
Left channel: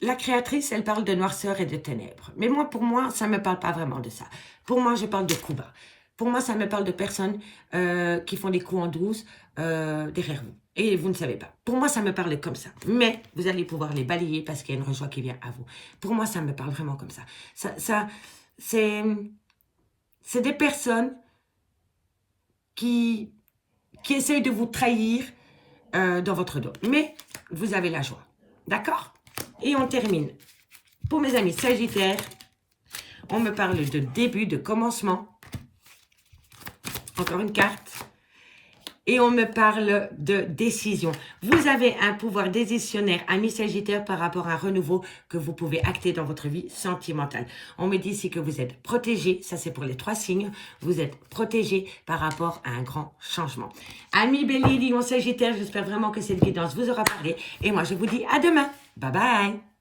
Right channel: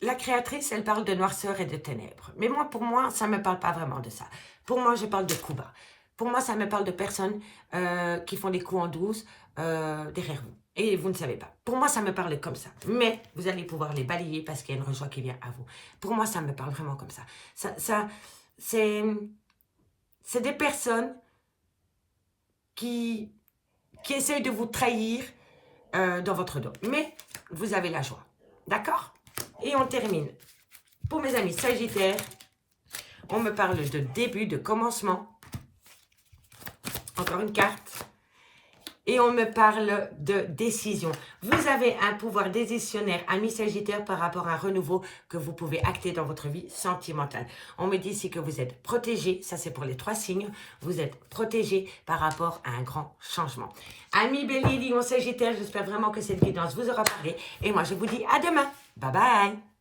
la créatrice, elle parle de noirceur et de ténèbres. Mais moi, pour moi, ça ne me parle pas vraiment de ça. Pour moi, je parle de coups bas. Pour moi, ça me parle de personnes qui font des coups en douce derrière vous. Et vous ne savez pas. Pour moi, ça me parle comme ça. Mais vous allez pouvoir les balayer parce qu'il y a une rejoie qui vient à vous. Pour moi, ça me parle vraiment comme ça. C'est des personnes qui essayent de vous trahir dans votre dos. Mais vous avez la joie. D'accord? Et on termine. Pour mes amis Sagittaires, on me parle de début, de commencement. Encore une carte. Et on me parle de décision. Vous avez un pouvoir décisionnaire, ami Sagittaire, par rapport à un renouveau que vous pouvez acter dans votre vie sentimentale. On me dit ici que vous êtes protégé. Ça, c'est pour les 3 signes. Vous êtes protégé par rapport à un grand changement. Ami Bélier, Lion, Sagittaire, j'espère vraiment que cette guidance vous aura parlé. Et moi, je vous dis à demain. Bye bye.